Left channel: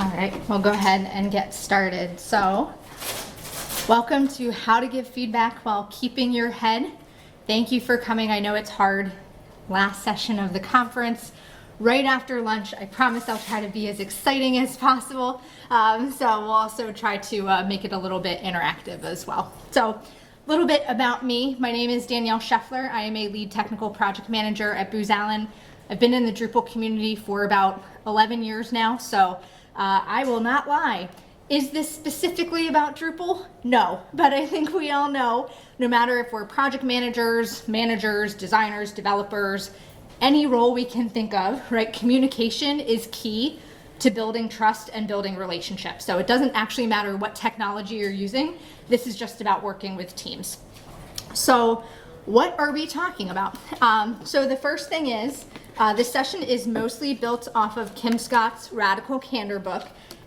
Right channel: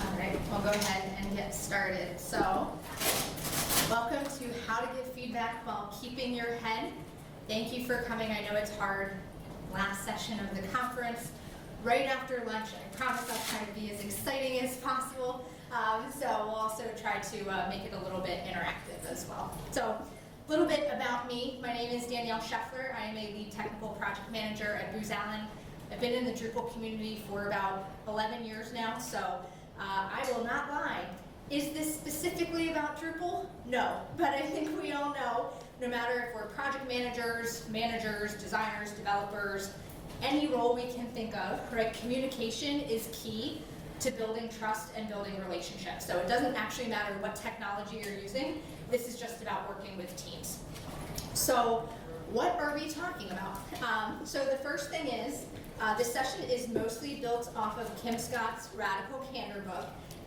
All right, we'll go ahead and get started. So, welcome to How to Give Feedback While Keeping Your Head. Thank you for coming. I know it's hard. Last session of the conference, right after lunch. I promise I'll try to be as exciting as possible. So we'll also try to make it a little bit interactive as well. So, a little bit about me. My name is Danielle Scheffler. I am a lead technical project manager at Booz Allen. I've been in the Drupal community for about 11 years now, so I will not lie. Is this specifically about Drupal? No, but I think we all know, no matter if we're project managers, designers, developers, any role we can think of, right? Communication is key to building trust and building relationships. So it doesn't actually matter what technology you're using. This is just about working with teams. So what are we talking about? So the first thing is, this session is mostly built off of Kim Scott's Radical Candor book.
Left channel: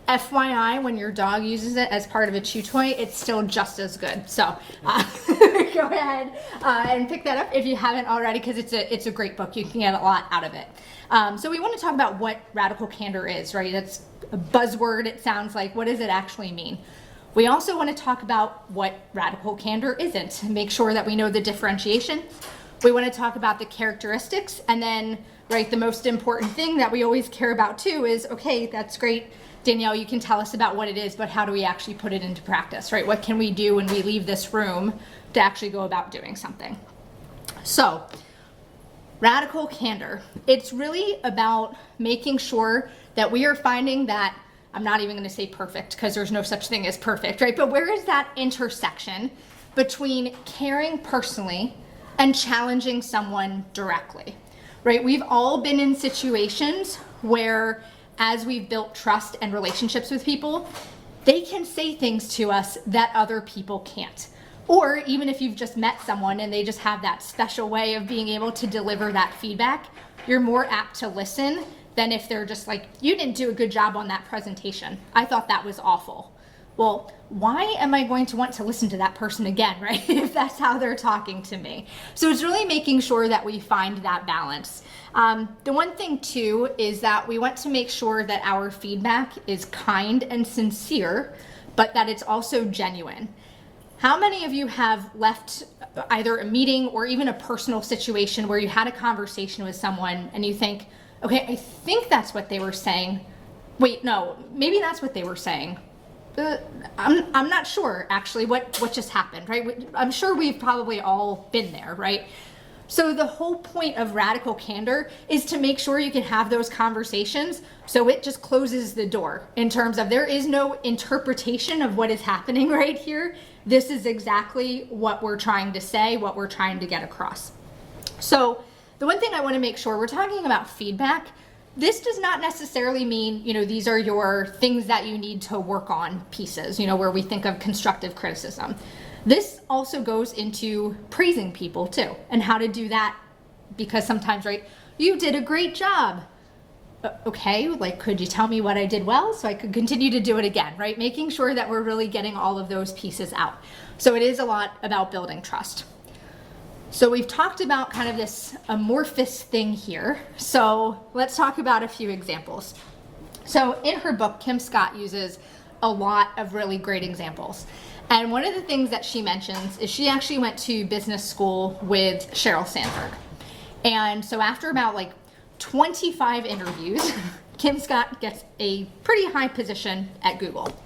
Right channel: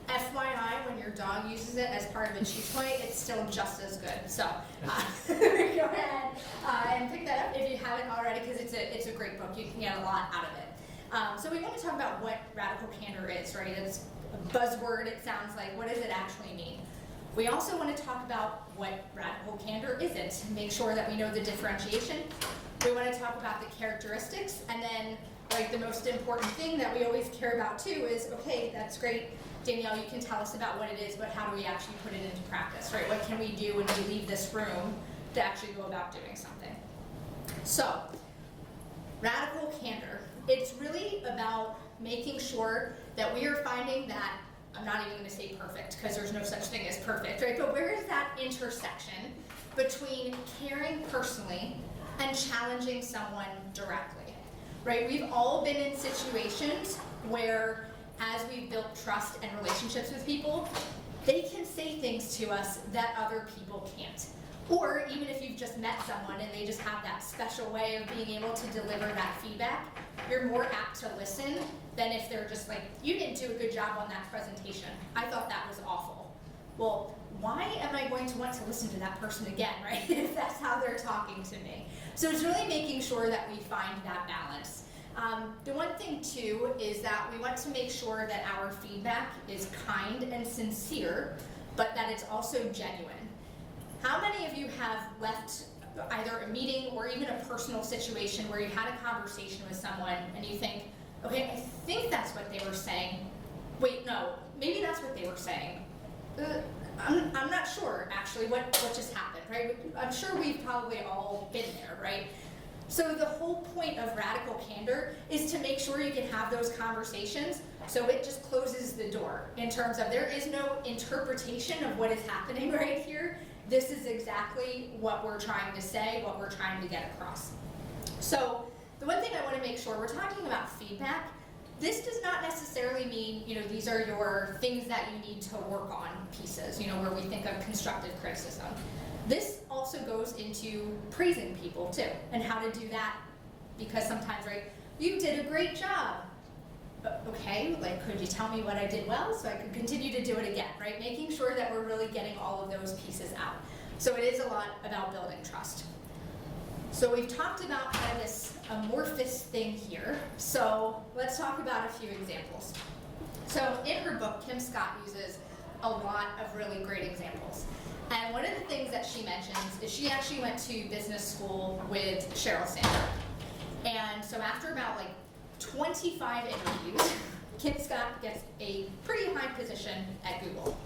FYI, when your dog uses it as part of a chew toy, it's still just as good. So go ahead and pick that up if you haven't already, because it's a great book. You can get a lot out of it. So we want to talk about what radical candor is, right? It's a buzzword. It sounds like, what does it actually mean? We also want to talk about what radical candor isn't, and make sure that we know the differentiation. We want to talk about the characteristics, and then, right, the most important thing that we always care about too is, okay, that's great, Danielle, you can tell us about what it is, but how do we actually put it into practice, right? What can we do when we leave this room to actually go about doing something? So, radical candor. It's really about making sure that we are finding that, I'm not even going to say perfect because there's no such thing as perfect, right? But where is that intersection between caring personally and challenging someone directly, right? We've all been in situations where, as we've built trust and relationships with people, they can say things to us that other people can't. Or even if you've just met someone and they just have that special way of being able to deliver that feedback, you're more apt to listen than if they're just like, you didn't do a good job on that presentation. I thought that was awful. Well, why am I going to want to listen to that person again, right? If that's how they're talking to me. So it's really making sure that we find that balance. The one thing too is that we want to make sure that our feedback is kind and sincere, but that it's also genuine. How many of you have left either a meeting or even a personal situation where you had a conversation with someone and you think, okay, I think that's what they were saying. Wait, no, maybe that's what they were saying. I'm not sure actually what just happened, right? I'm sure we've probably all been there, right? So the whole point of radical candor is to make sure you can have those conversations so it just closes the door in terms of there is no interpretation of what is happening right here. This is exactly what we're trying to say, what we're trying to get across. So the one thing I want to make sure, we're talking about feedback. This does not necessarily mean, these are your things that you need to work on pieces, where we think of constructive criticism. This also goes into praising people too, and how to do that, because sometimes, right, you did a great job. Okay, like, could you tell me what I did well so I could continue to do it again, right? Making sure that we're really getting all of those pieces out. So it is a lot about building trust. So we've talked about kind of this amorphous thing here. So let's talk about a few examples. So in her book, Kim Scott uses a lot of really great examples. And one of the things that she mentions is she actually went to business school with Sheryl Sandberg. And so after about 25 interviews, Kim Scott gets a pretty high position at Google.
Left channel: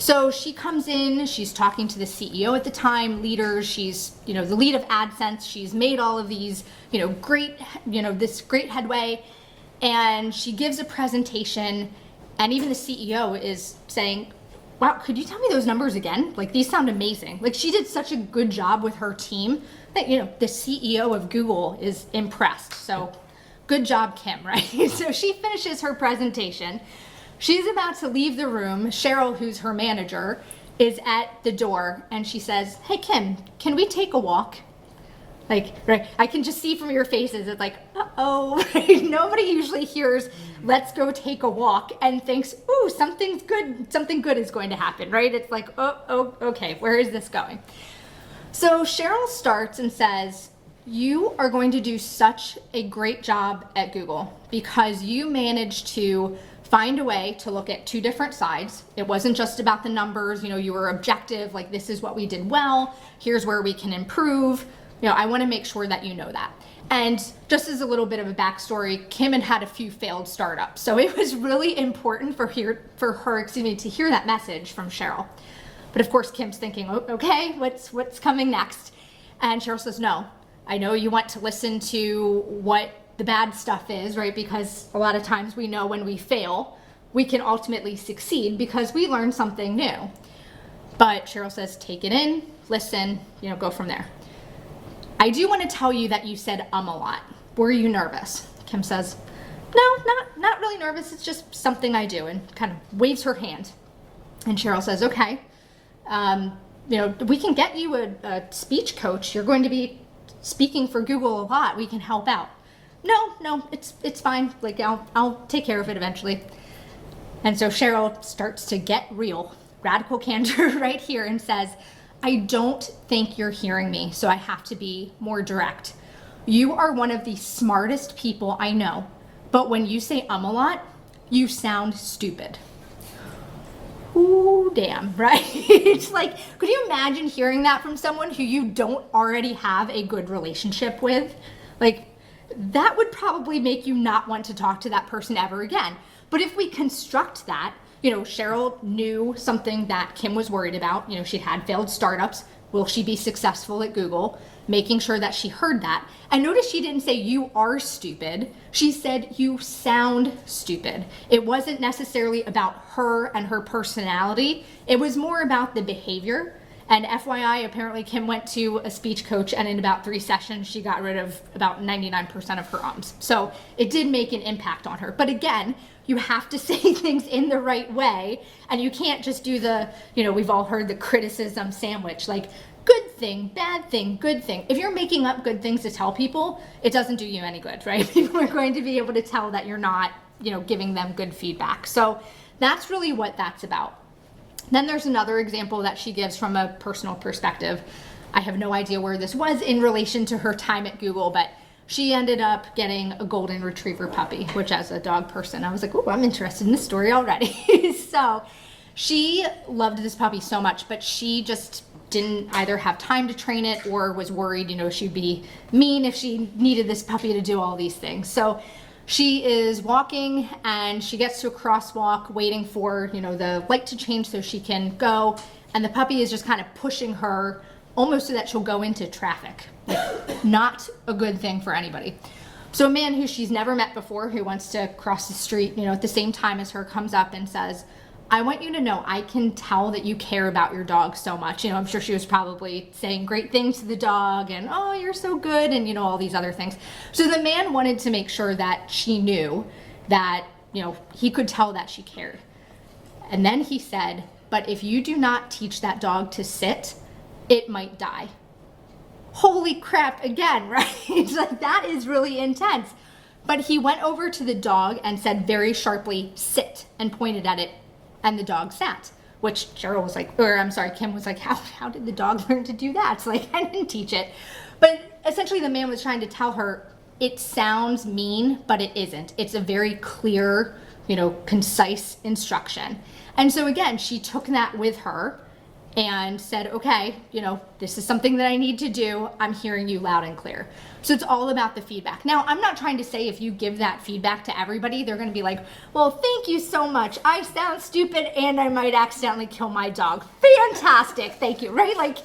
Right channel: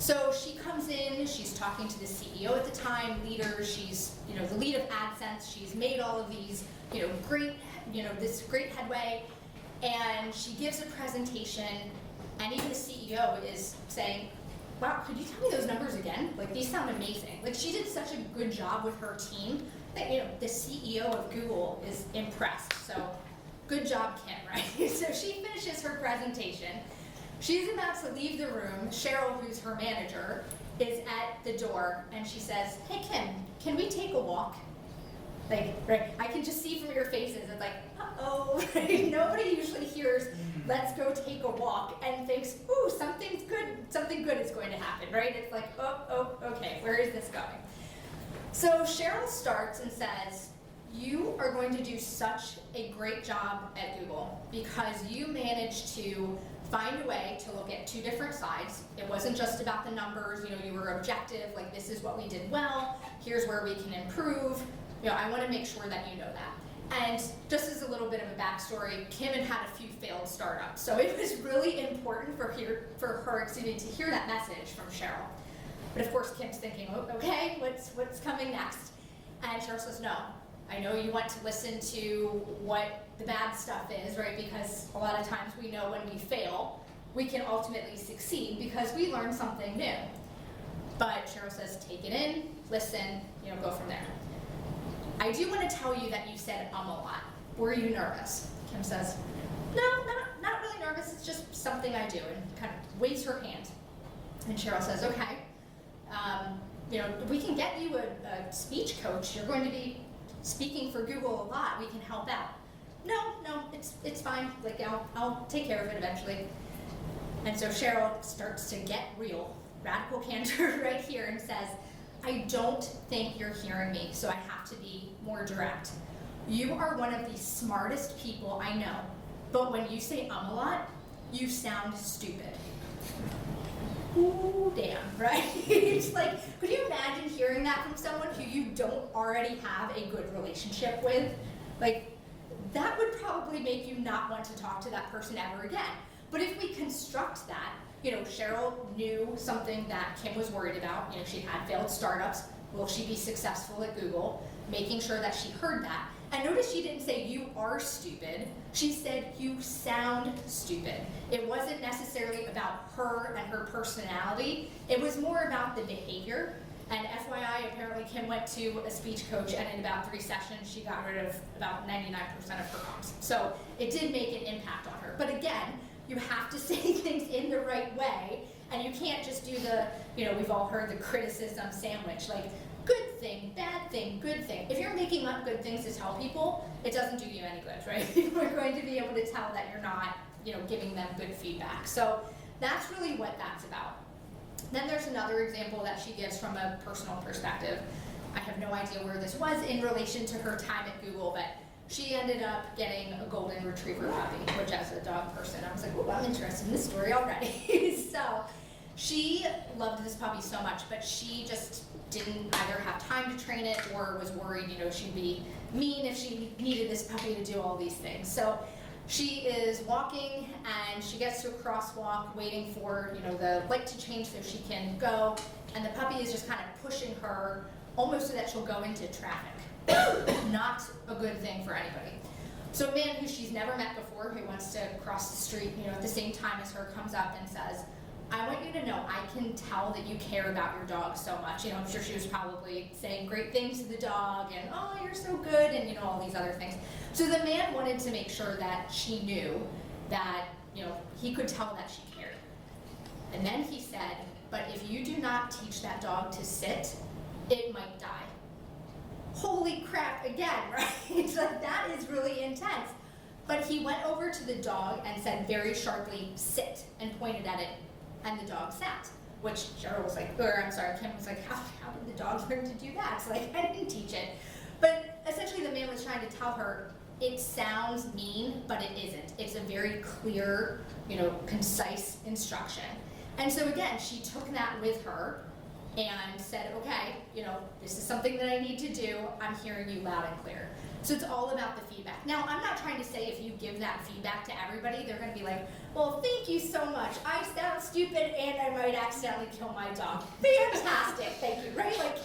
So she comes in, she's talking to the CEO at the time, leaders, she's, the lead of AdSense, she's made all of these, this great headway, and she gives a presentation, and even the CEO is saying, wow, could you tell me those numbers again? These sound amazing. She did such a good job with her team that, the CEO of Google is impressed. So good job, Kim, right? So she finishes her presentation. She's about to leave the room. Sheryl, who's her manager, is at the door, and she says, hey, Kim, can we take a walk? Right, I can just see from your faces, it's like, uh-oh, right? Nobody usually hears, let's go take a walk, and thinks, ooh, something good is going to happen, right? It's like, oh, okay, where is this going? So Sheryl starts and says, you are going to do such a great job at Google because you managed to find a way to look at two different sides. It wasn't just about the numbers, you were objective, like this is what we did well, here's where we can improve. I want to make sure that you know that. And just as a little bit of a backstory, Kim had a few failed startups. So it was really important for her to hear that message from Cheryl. But of course, Kim's thinking, oh, okay, what's coming next? And Cheryl says, no, I know you want to listen to what the bad stuff is, right? Because a lot of times we know when we fail, we can ultimately succeed because we learned something new. But Cheryl says, take it in, listen, go from there. I do want to tell you that you said a lot. Were you nervous? Kim says, no, not really nervous. It's just something I do, and kind of waves her hand. And Cheryl says, okay, we can get you a speech coach. You're going to be speaking for Google a lot. We can help out. No, it's fine. Like I'll take care of it eventually. And so Cheryl starts to get real, radical candor right here, and says, I don't think you're hearing me, so I have to be more direct. You are one of the smartest people I know, but when you say a lot, you sound stupid. Ooh, damn, right? It's like, could you imagine hearing that from someone who you don't already have a good relationship with? Like, that would probably make you not want to talk to that person ever again. But if we construct that, Cheryl knew something that Kim was worried about. She had failed startups. Will she be successful at Google? Making sure that she heard that. And notice she didn't say you are stupid. She said you sound stupid. It wasn't necessarily about her and her personality. It was more about the behavior. And FYI, apparently Kim went to a speech coach, and in about 3 sessions, she got rid of about 99% of her ums. So it did make an impact on her. But again, you have to say things in the right way, and you can't just do the, we've all heard the criticism sandwich, like good thing, bad thing, good thing. If you're making up good things to tell people, it doesn't do you any good, right? People are going to be able to tell that you're not, giving them good feedback. So that's really what that's about. Then there's another example that she gives from a personal perspective. I have no idea where this was in relation to her time at Google, but she ended up getting a golden retriever puppy, which as a dog person, I was like, oh, I'm interested in this story already. So she loved this puppy so much, but she just didn't either have time to train it or was worried, she'd be mean if she needed this puppy to do all these things. So she is walking and she gets to a crosswalk waiting for, the light to change so she can go. And the puppy is just kind of pushing her almost so that she'll go into traffic. Not a good thing for anybody. So a man who she's never met before, who wants to cross the street, at the same time as her, comes up and says, I want you to know I can tell that you care about your dog so much. I'm sure she was probably saying great things to the dog and, oh, you're so good, and, all these other things. So the man wanted to make sure that she knew that, he could tell that she cared. And then he said, but if you do not teach that dog to sit, it might die. Holy crap, again, right? It's like, that is really intense. But he went over to the dog and said very sharply, sit, and pointed at it, and the dog sat, which Cheryl was like, Kim was like, how did the dog learn to do that? It's like, I didn't teach it. But essentially the man was trying to tell her, it sounds mean, but it isn't. It's a very clear, concise instruction. And so again, she took that with her and said, okay, this is something that I need to do. I'm hearing you loud and clear. So it's all about the feedback. Now, I'm not trying to say if you give that feedback to everybody, they're going to be like, well, thank you so much. I sound stupid and I might accidentally kill my dog. Fantastic. Thank you. Right? Like,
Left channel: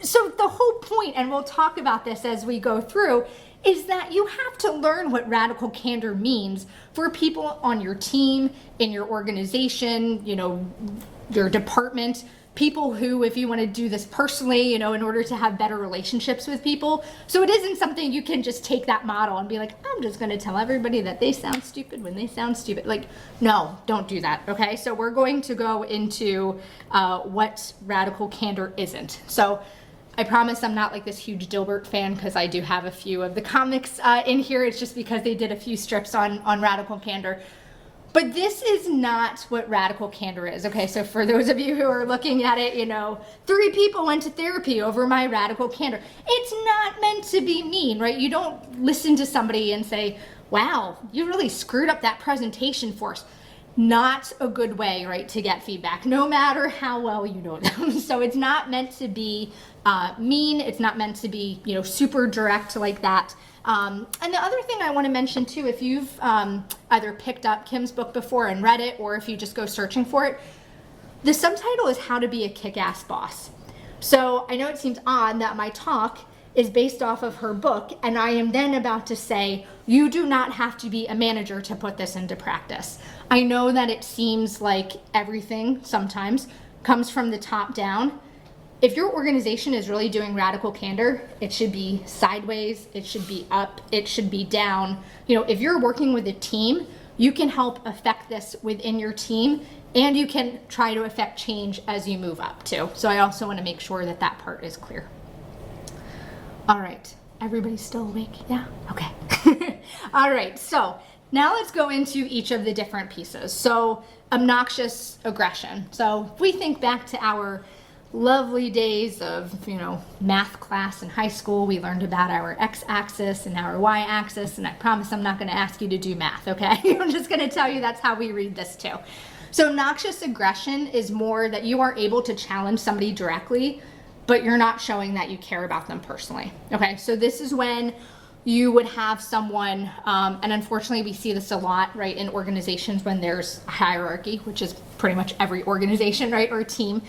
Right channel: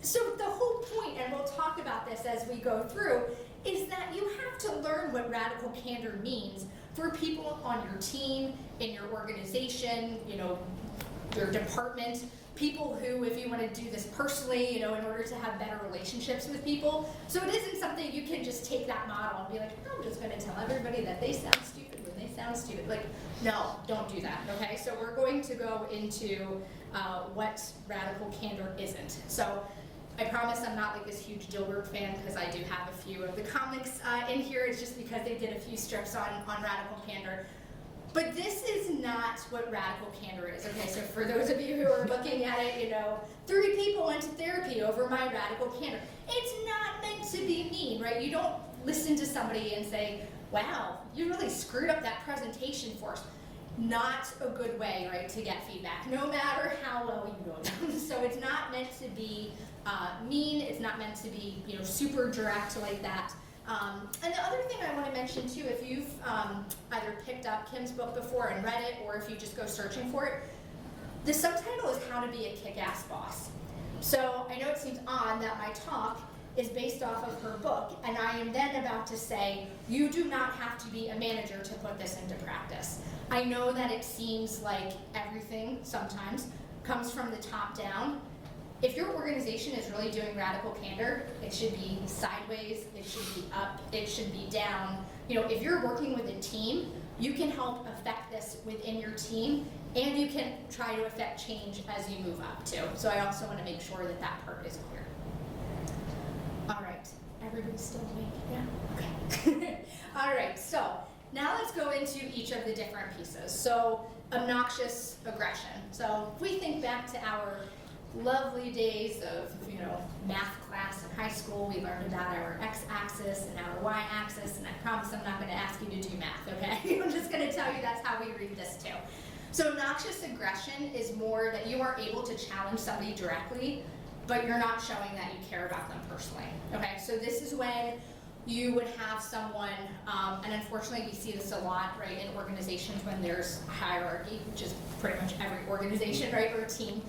so the whole point, and we'll talk about this as we go through, is that you have to learn what radical candor means for people on your team, in your organization, your department, people who, if you want to do this personally, in order to have better relationships with people. So it isn't something you can just take that model and be like, I'm just going to tell everybody that they sound stupid when they sound stupid. Like, no, don't do that, okay? So we're going to go into what radical candor isn't. So I promise I'm not like this huge Dilbert fan, because I do have a few of the comics in here. It's just because they did a few strips on radical candor. But this is not what radical candor is, okay? So for those of you who are looking at it, 3 people went to therapy over my radical candor. It's not meant to be mean, right? You don't listen to somebody and say, wow, you really screwed up that presentation for us. not a good way, right, to get feedback, no matter how well you know them. So it's not meant to be mean. It's not meant to be, super direct like that. And the other thing I want to mention too, if you've either picked up Kim's book before and read it, or if you just go searching for it, the subtitle is How to Be a Kick-Ass Boss. So I know it seems odd that my talk is based off of her book, and I am then about to say, you do not have to be a manager to put this into practice. I know that it seems like everything sometimes comes from the top down. If your organization is really doing radical candor, it should be sideways, it should be up, it should be down. If you're working with a team, you can help affect this within your team, and you can try to affect change as you move up too. So I also want to make sure that that part is clear. All right, everybody's still awake? Yeah? Okay. All right, so now let's go into each of the different pieces. So obnoxious aggression. So if we think back to our lovely days of, math class in high school, we learned about our x-axis and our y-axis, and I promise I'm not going to ask you to do math, okay? I'm just going to tell you that's how we read this too. So obnoxious aggression is more that you are able to challenge somebody directly, but you're not showing that you care about them personally. Okay, so this is when you would have someone, and unfortunately we see this a lot, right, in organizations when there's a hierarchy, which is pretty much every organization, right, or team,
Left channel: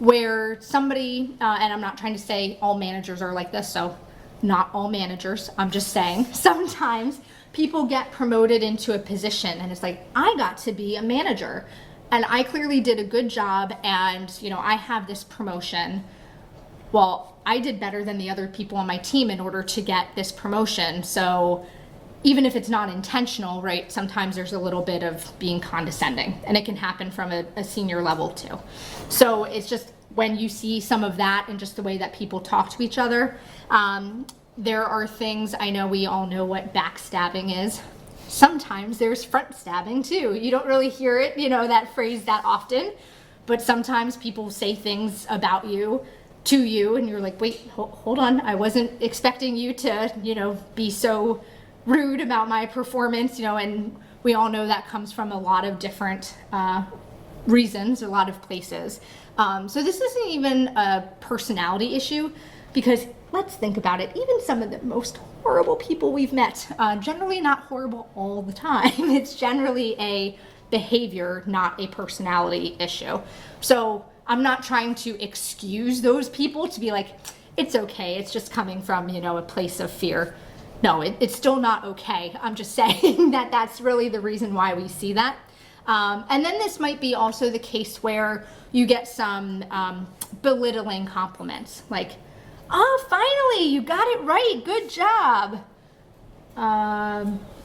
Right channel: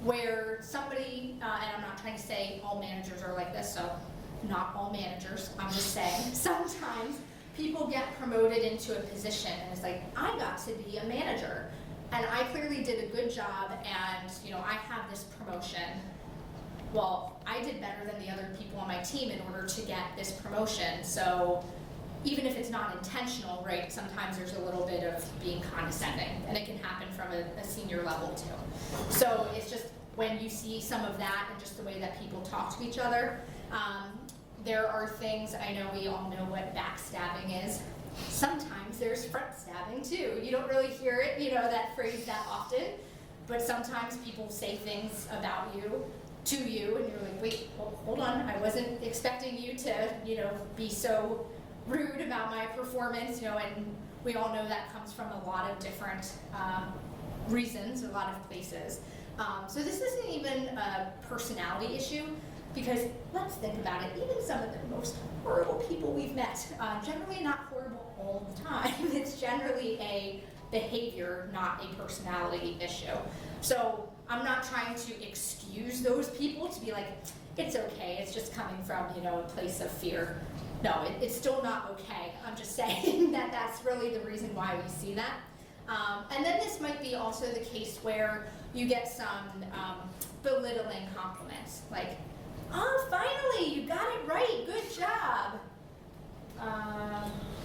where somebody, and I'm not trying to say all managers are like this, so not all managers, I'm just saying, sometimes people get promoted into a position and it's like, I got to be a manager, and I clearly did a good job, and I have this promotion. Well, I did better than the other people on my team in order to get this promotion. So even if it's not intentional, right, sometimes there's a little bit of being condescending, and it can happen from a senior level too. So it's just when you see some of that and just the way that people talk to each other, there are things, I know we all know what backstabbing is. Sometimes there's front stabbing too. You don't really hear it, that phrase that often, but sometimes people say things about you to you, and you're like, wait, hold on, I wasn't expecting you to, be so rude about my performance, and we all know that comes from a lot of different reasons, a lot of places. So this isn't even a personality issue, because let's think about it, even some of the most horrible people we've met, generally not horrible all the time. It's generally a behavior, not a personality issue. So I'm not trying to excuse those people to be like, it's okay, it's just coming from, a place of fear. No, it's still not okay. I'm just saying that that's really the reason why we see that. And then this might be also the case where you get some belittling compliments, like, oh, finally, you got it right, good job.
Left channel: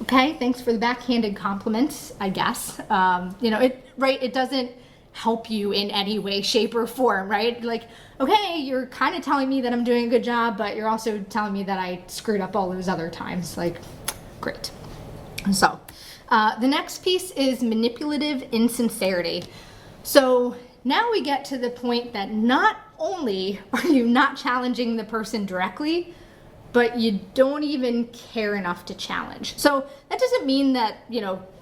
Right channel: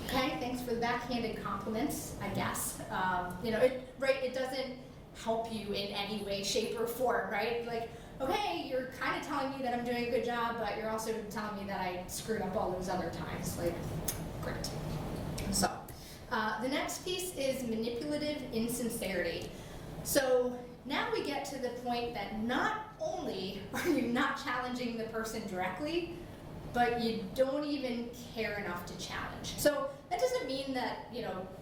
Okay, thanks for the backhanded compliments, I guess. It doesn't help you in any way, shape, or form, right? Like, okay, you're kind of telling me that I'm doing a good job, but you're also telling me that I screwed up all those other times. Like, great. So, the next piece is manipulative insincerity. So now we get to the point that not only are you not challenging the person directly, but you don't even care enough to challenge. So that doesn't mean that,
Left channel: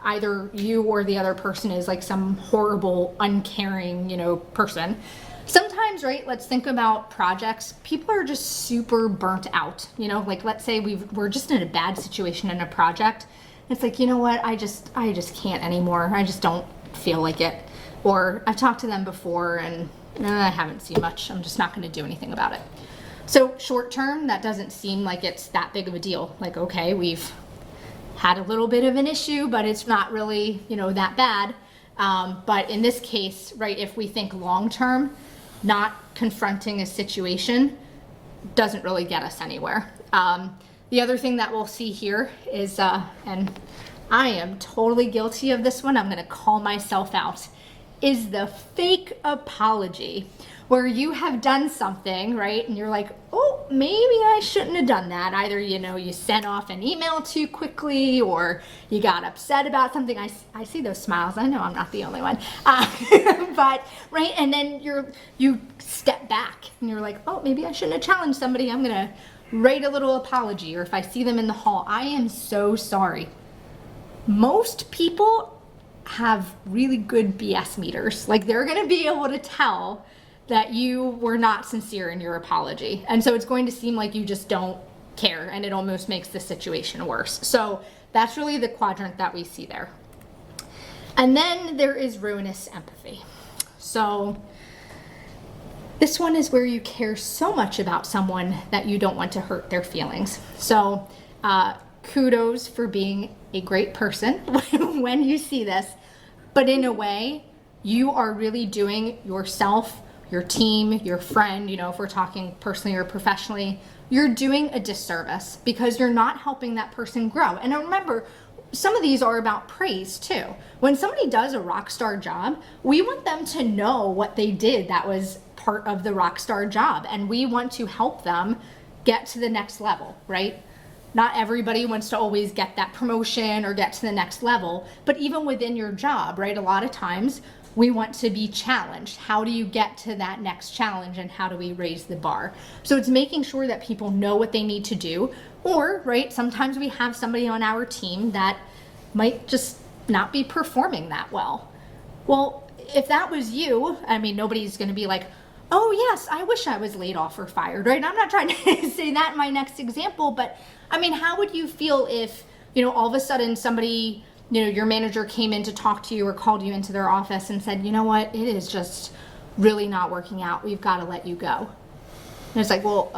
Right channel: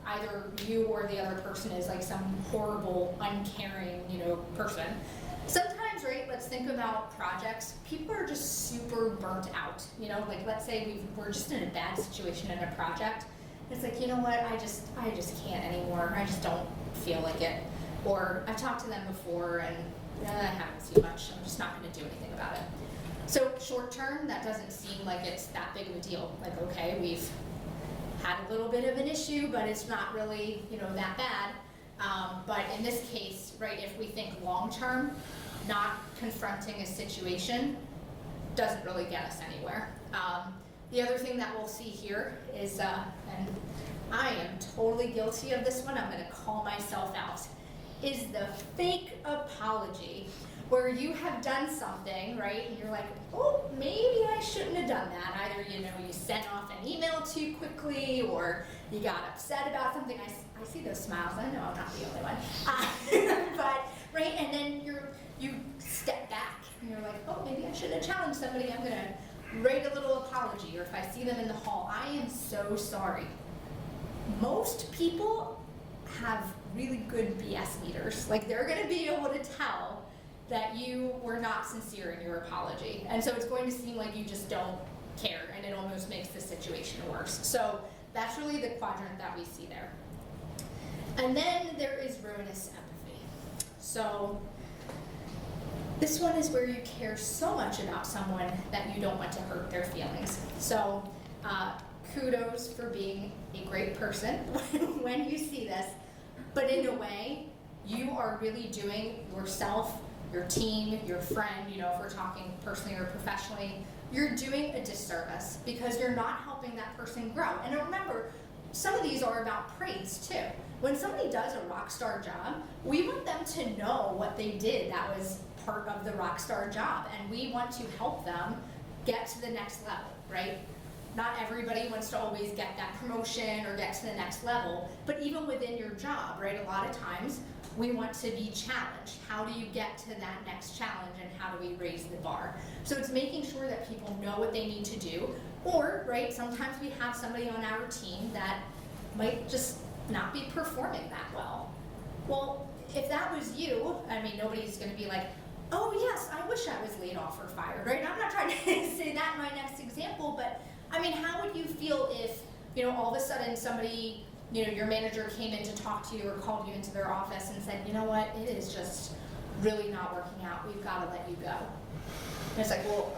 either you or the other person is like some horrible, uncaring, person. Sometimes, right, let's think about projects. People are just super burnt out, like let's say we're just in a bad situation in a project. It's like, you know what, I just can't anymore. I just don't feel like it. Or I've talked to them before and I haven't seen much. I'm just not gonna do anything about it. So short term, that doesn't seem like it's that big of a deal. Like, okay, we've had a little bit of an issue, but it's not really, that bad. But in this case, right, if we think long term, not confronting a situation doesn't really get us anywhere. The other thing that we'll see here is, and I am totally guilty of this one, I'm gonna call myself out, is the fake apology, where you have done something, right, and you're like, oh, maybe I shouldn't have done that. Either, you sent off an email too quickly, or you got upset about something. I see those smiles. I know I'm not the only one. But, right, and then you step back, and you're like, oh, maybe I shouldn't have challenged somebody. I'm going to write a little apology, or if I see them in the hall, I am so sorry. Most people have really good BS meters. Like, they're gonna be able to tell that you were not sincere in your apology. And so it's going to seem like you just don't care, and it almost makes the situation worse. So that's really the quadrant that we see there. And then there is ruinous empathy. So this one is where you care so much about someone that you don't want to hurt their feelings. So kudos for being a great person when you see this, but in a way, you are really doing yourself, your team, your friend, if we're talking personally or professionally, you're doing a disservice because you're not helping that person grow. And remember, some of these are about praise too. When somebody does a rock star job, we want them to know what they did that was part of the rock star job, and we want to help them get to the next level, right? Not everybody wants to always get that promotion or get to the next level, but even within your job, right? A lot of times we want to be challenged. How do you get to that next challenge, and how do we raise the bar? So it's making sure that people know what they need to do, or, right, sometimes we have somebody on our team that might just not be performing that well. Well, if that was you, nobody's gonna be like, oh yes, I wish I was laid off or fired, right? I'm not trying to say that in my next example, but how would you feel if, all of a sudden somebody, your manager came in to talk to you or called you into their office and said, you know what, it is just really not working out. We've got to let you go. And it's like, well,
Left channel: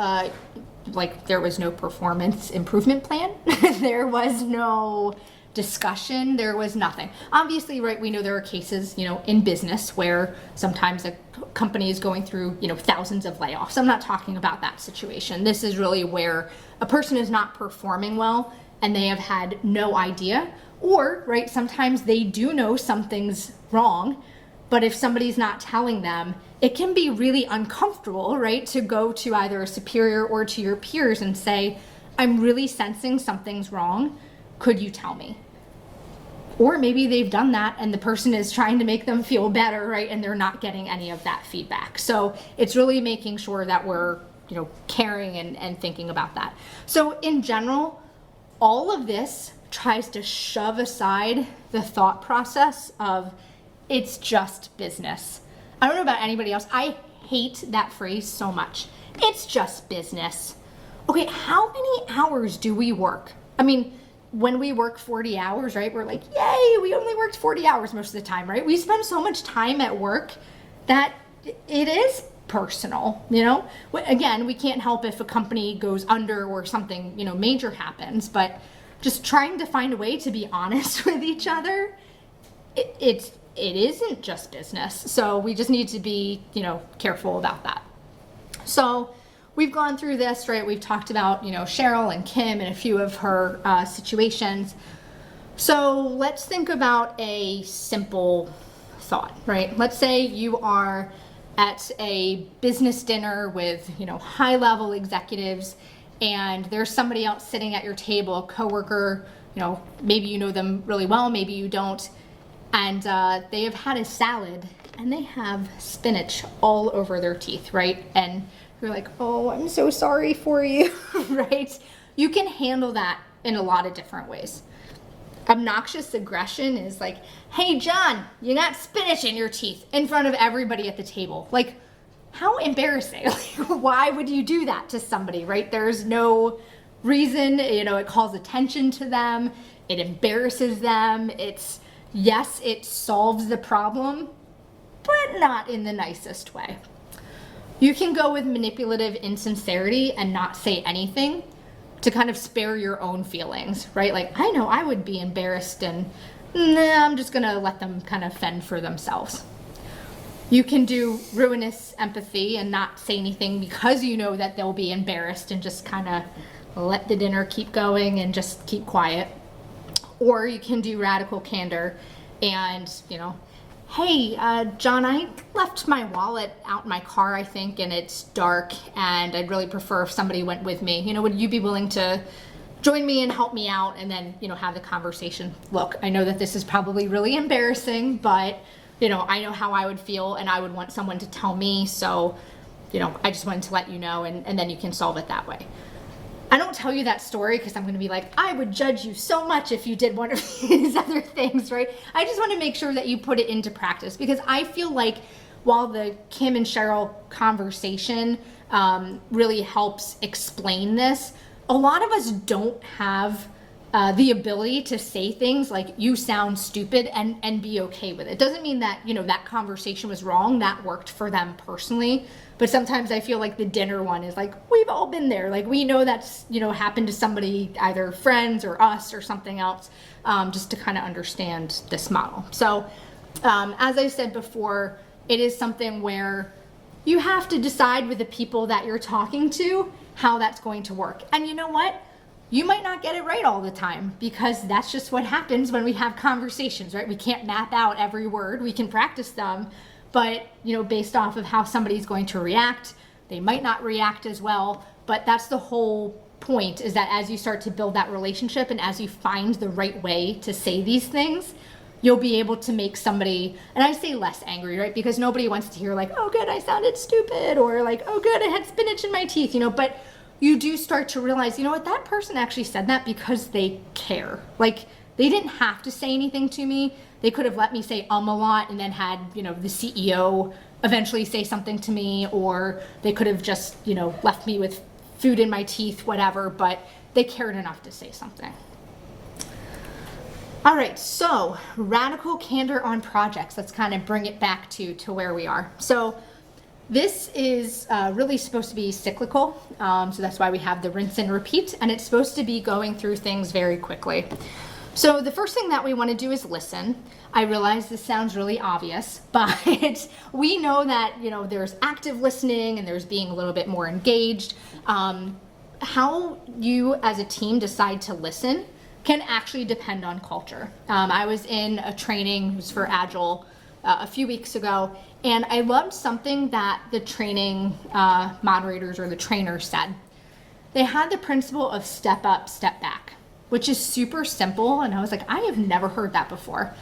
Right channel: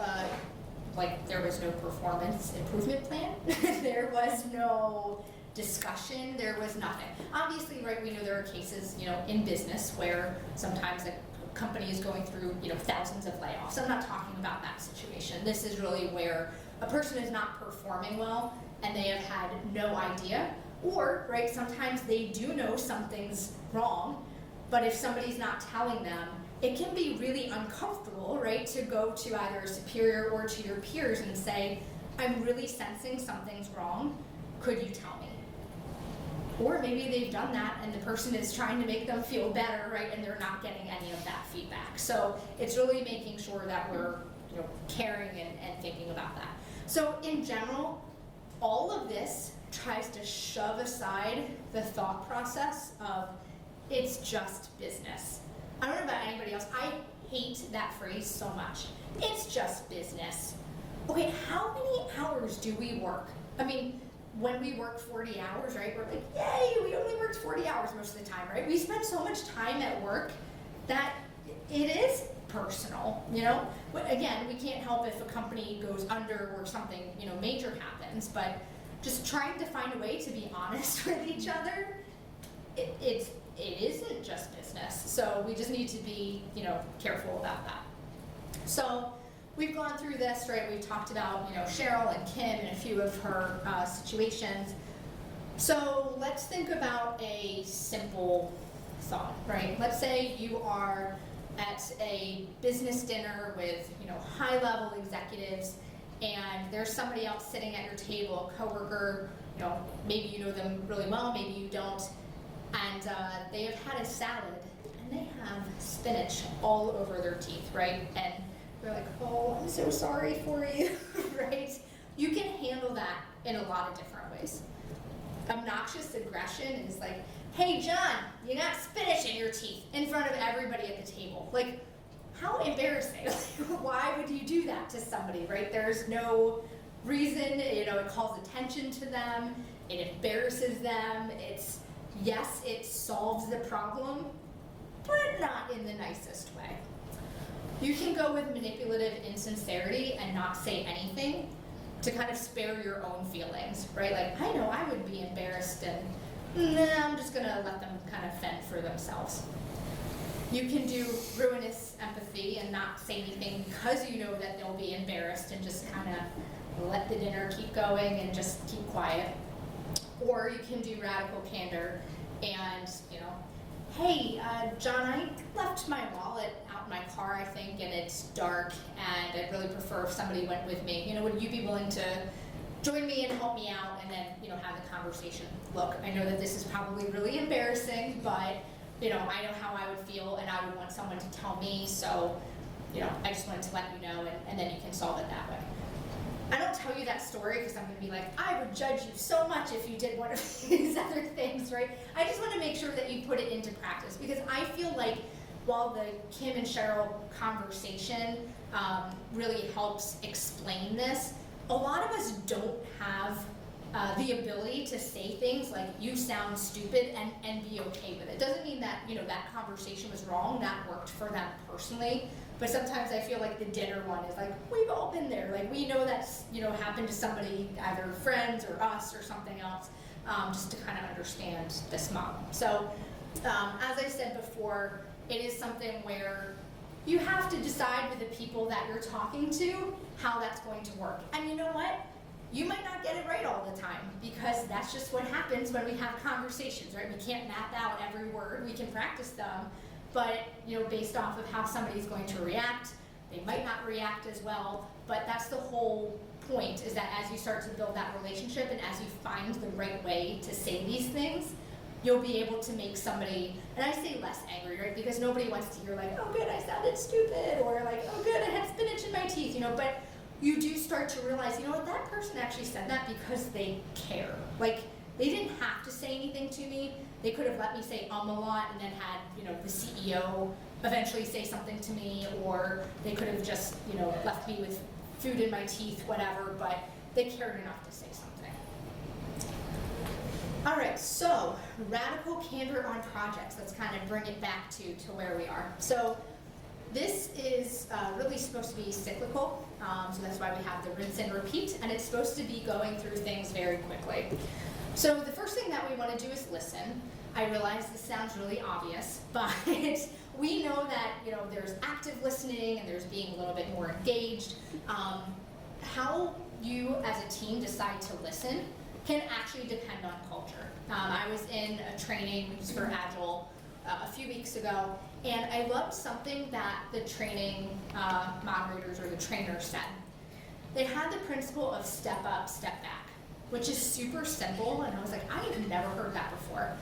there was no performance improvement plan. There was no discussion. There was nothing. Obviously, right, we know there are cases, in business where sometimes a company is going through, thousands of layoffs. I'm not talking about that situation. This is really where a person is not performing well and they have had no idea, or, right, sometimes they do know something's wrong, but if somebody's not telling them, it can be really uncomfortable, right, to go to either a superior or to your peers and say, I'm really sensing something's wrong. Could you tell me? Or maybe they've done that and the person is trying to make them feel better, right, and they're not getting any of that feedback. So it's really making sure that we're, caring and thinking about that. So in general, all of this tries to shove aside the thought process of it's just business. I don't know about anybody else. I hate that phrase so much. It's just business. Okay, how many hours do we work? When we work 40 hours, right, we're like, yay, we only worked 40 hours most of the time, right? We spend so much time at work that it is personal, Again, we can't help if a company goes under or something, major happens, but just trying to find a way to be honest with each other, it isn't just business. So we just need to be, careful about that. So we've gone through this, right? We've talked about, Cheryl and Kim and a few of her situations. So let's think about a simple thought, right? Let's say you are at a business dinner with, high-level executives, and there's somebody else sitting at your table, a coworker, maybe you know them really well, maybe you don't, and they have had a salad and they have spinach all over their teeth, right? And you're like, oh, I'm so sorry for you, right? You can handle that in a lot of different ways. Obnoxious aggression is like, hey, John, you got spinach in your teeth in front of everybody at the table. Like, how embarrassing. Why would you do that to somebody, right? There's no reason, it calls attention to them. It embarrasses them. Yes, it solves the problem, but not in the nicest way. You can go with manipulative insincerity and not say anything to kind of spare your own feelings, right? Like, I know I would be embarrassed and I'm just gonna let them kind of fend for themselves. You can do ruinous empathy and not say anything because you know that they'll be embarrassed and just kind of let the dinner keep going and just keep quiet. Or you can do radical candor and, hey, John, I left my wallet out in my car, I think, and it's dark, and I'd really prefer if somebody went with me. Would you be willing to join me and help me out, and then, have the conversation? Look, I know that this is probably really embarrassing, but, I know how I would feel, and I would want someone to tell me, so, I just wanted to let you know, and then you can solve it that way. I don't tell you that story because I'm going to be like, I would judge you so much if you did one of these other things, right? I just want to make sure that you put it into practice, because I feel like while the Kim and Cheryl conversation really helps explain this, a lot of us don't have the ability to say things like, you sound stupid, and be okay with it. Doesn't mean that, you know, that conversation was wrong, that worked for them personally. But sometimes I feel like the dinner one is like, we've all been there. Like, we know that's, you know, happened to somebody, either friends or us or something else, just to kind of understand this model. So as I said before, it is something where you have to decide with the people that you're talking to how that's going to work. And you know what? You might not get it right all the time, because that's just what happens when we have conversations, right? We can't map out every word. We can practice them. But, you know, based off of how somebody's going to react, they might not react as well. But that's the whole point, is that as you start to build that relationship and as you find the right way to say these things, you'll be able to make somebody, and I say less angry, right? Because nobody wants to hear like, oh good, I sounded stupid, or like, oh good, I had spinach in my teeth, you know, but you do start to realize, you know what, that person actually said that because they care. Like, they didn't have to say anything to me. They could have let me say a lot and then had, you know, the CEO eventually say something to me, or they could have just, you know, left me with food in my teeth, whatever, but they cared enough to say something. All right, so radical candor on projects. Let's kind of bring it back to where we are. So this is really supposed to be cyclical, so that's why we have the rinse and repeat, and it's supposed to be going through things very quickly. So the first thing that we want to do is listen. I realize this sounds really obvious, but we know that, you know, there's active listening and there's being a little bit more engaged. How you as a team decide to listen can actually depend on culture. I was in a training, it was for Agile, a few weeks ago, and I loved something that the training moderators or the trainers said. They had the principle of step up, step back, which is super simple, and I was like, I have never heard that before.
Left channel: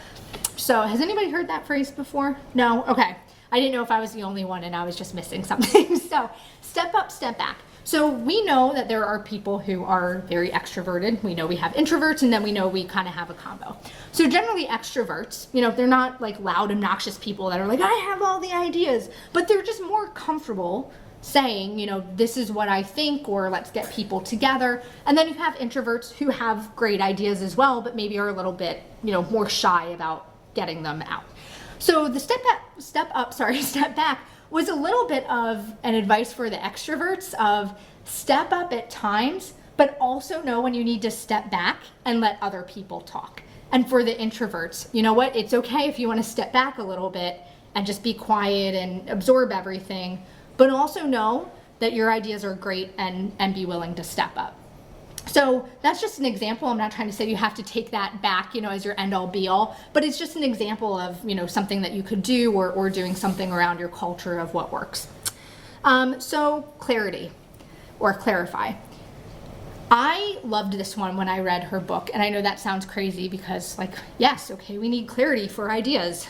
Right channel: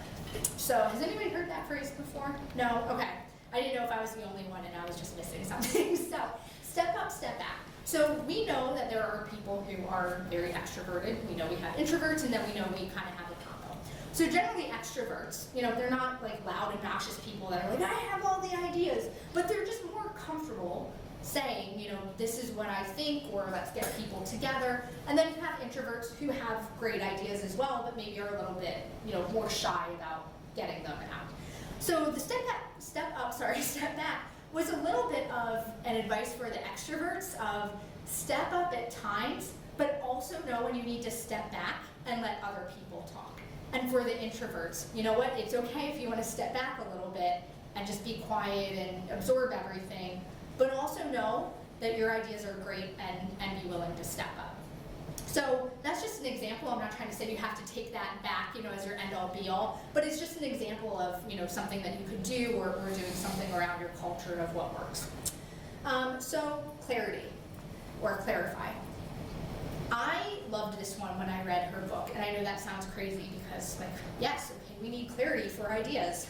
So has anybody heard that phrase before? No? Okay. I didn't know if I was the only one and I was just missing something. So step up, step back. So we know that there are people who are very extroverted. We know we have introverts, and then we know we kind of have a combo. So generally extroverts, you know, they're not like loud, obnoxious people that are like, I have all the ideas, but they're just more comfortable saying, you know, this is what I think, or let's get people together. And then you have introverts who have great ideas as well, but maybe are a little bit, you know, more shy about getting them out. So the step back was a little bit of an advice for the extroverts of step up at times, but also know when you need to step back and let other people talk. And for the introverts, you know what, it's okay if you want to step back a little bit and just be quiet and absorb everything, but also know that your ideas are great and be willing to step up. So that's just an example. I'm not trying to say you have to take that back, you know, as your end all be all, but it's just an example of, you know, something that you could do, or doing something around your culture of what works. So clarity, or clarify. I loved this one when I read her book, and I know that sounds crazy because, like, yes, okay, we need clarity for ideas.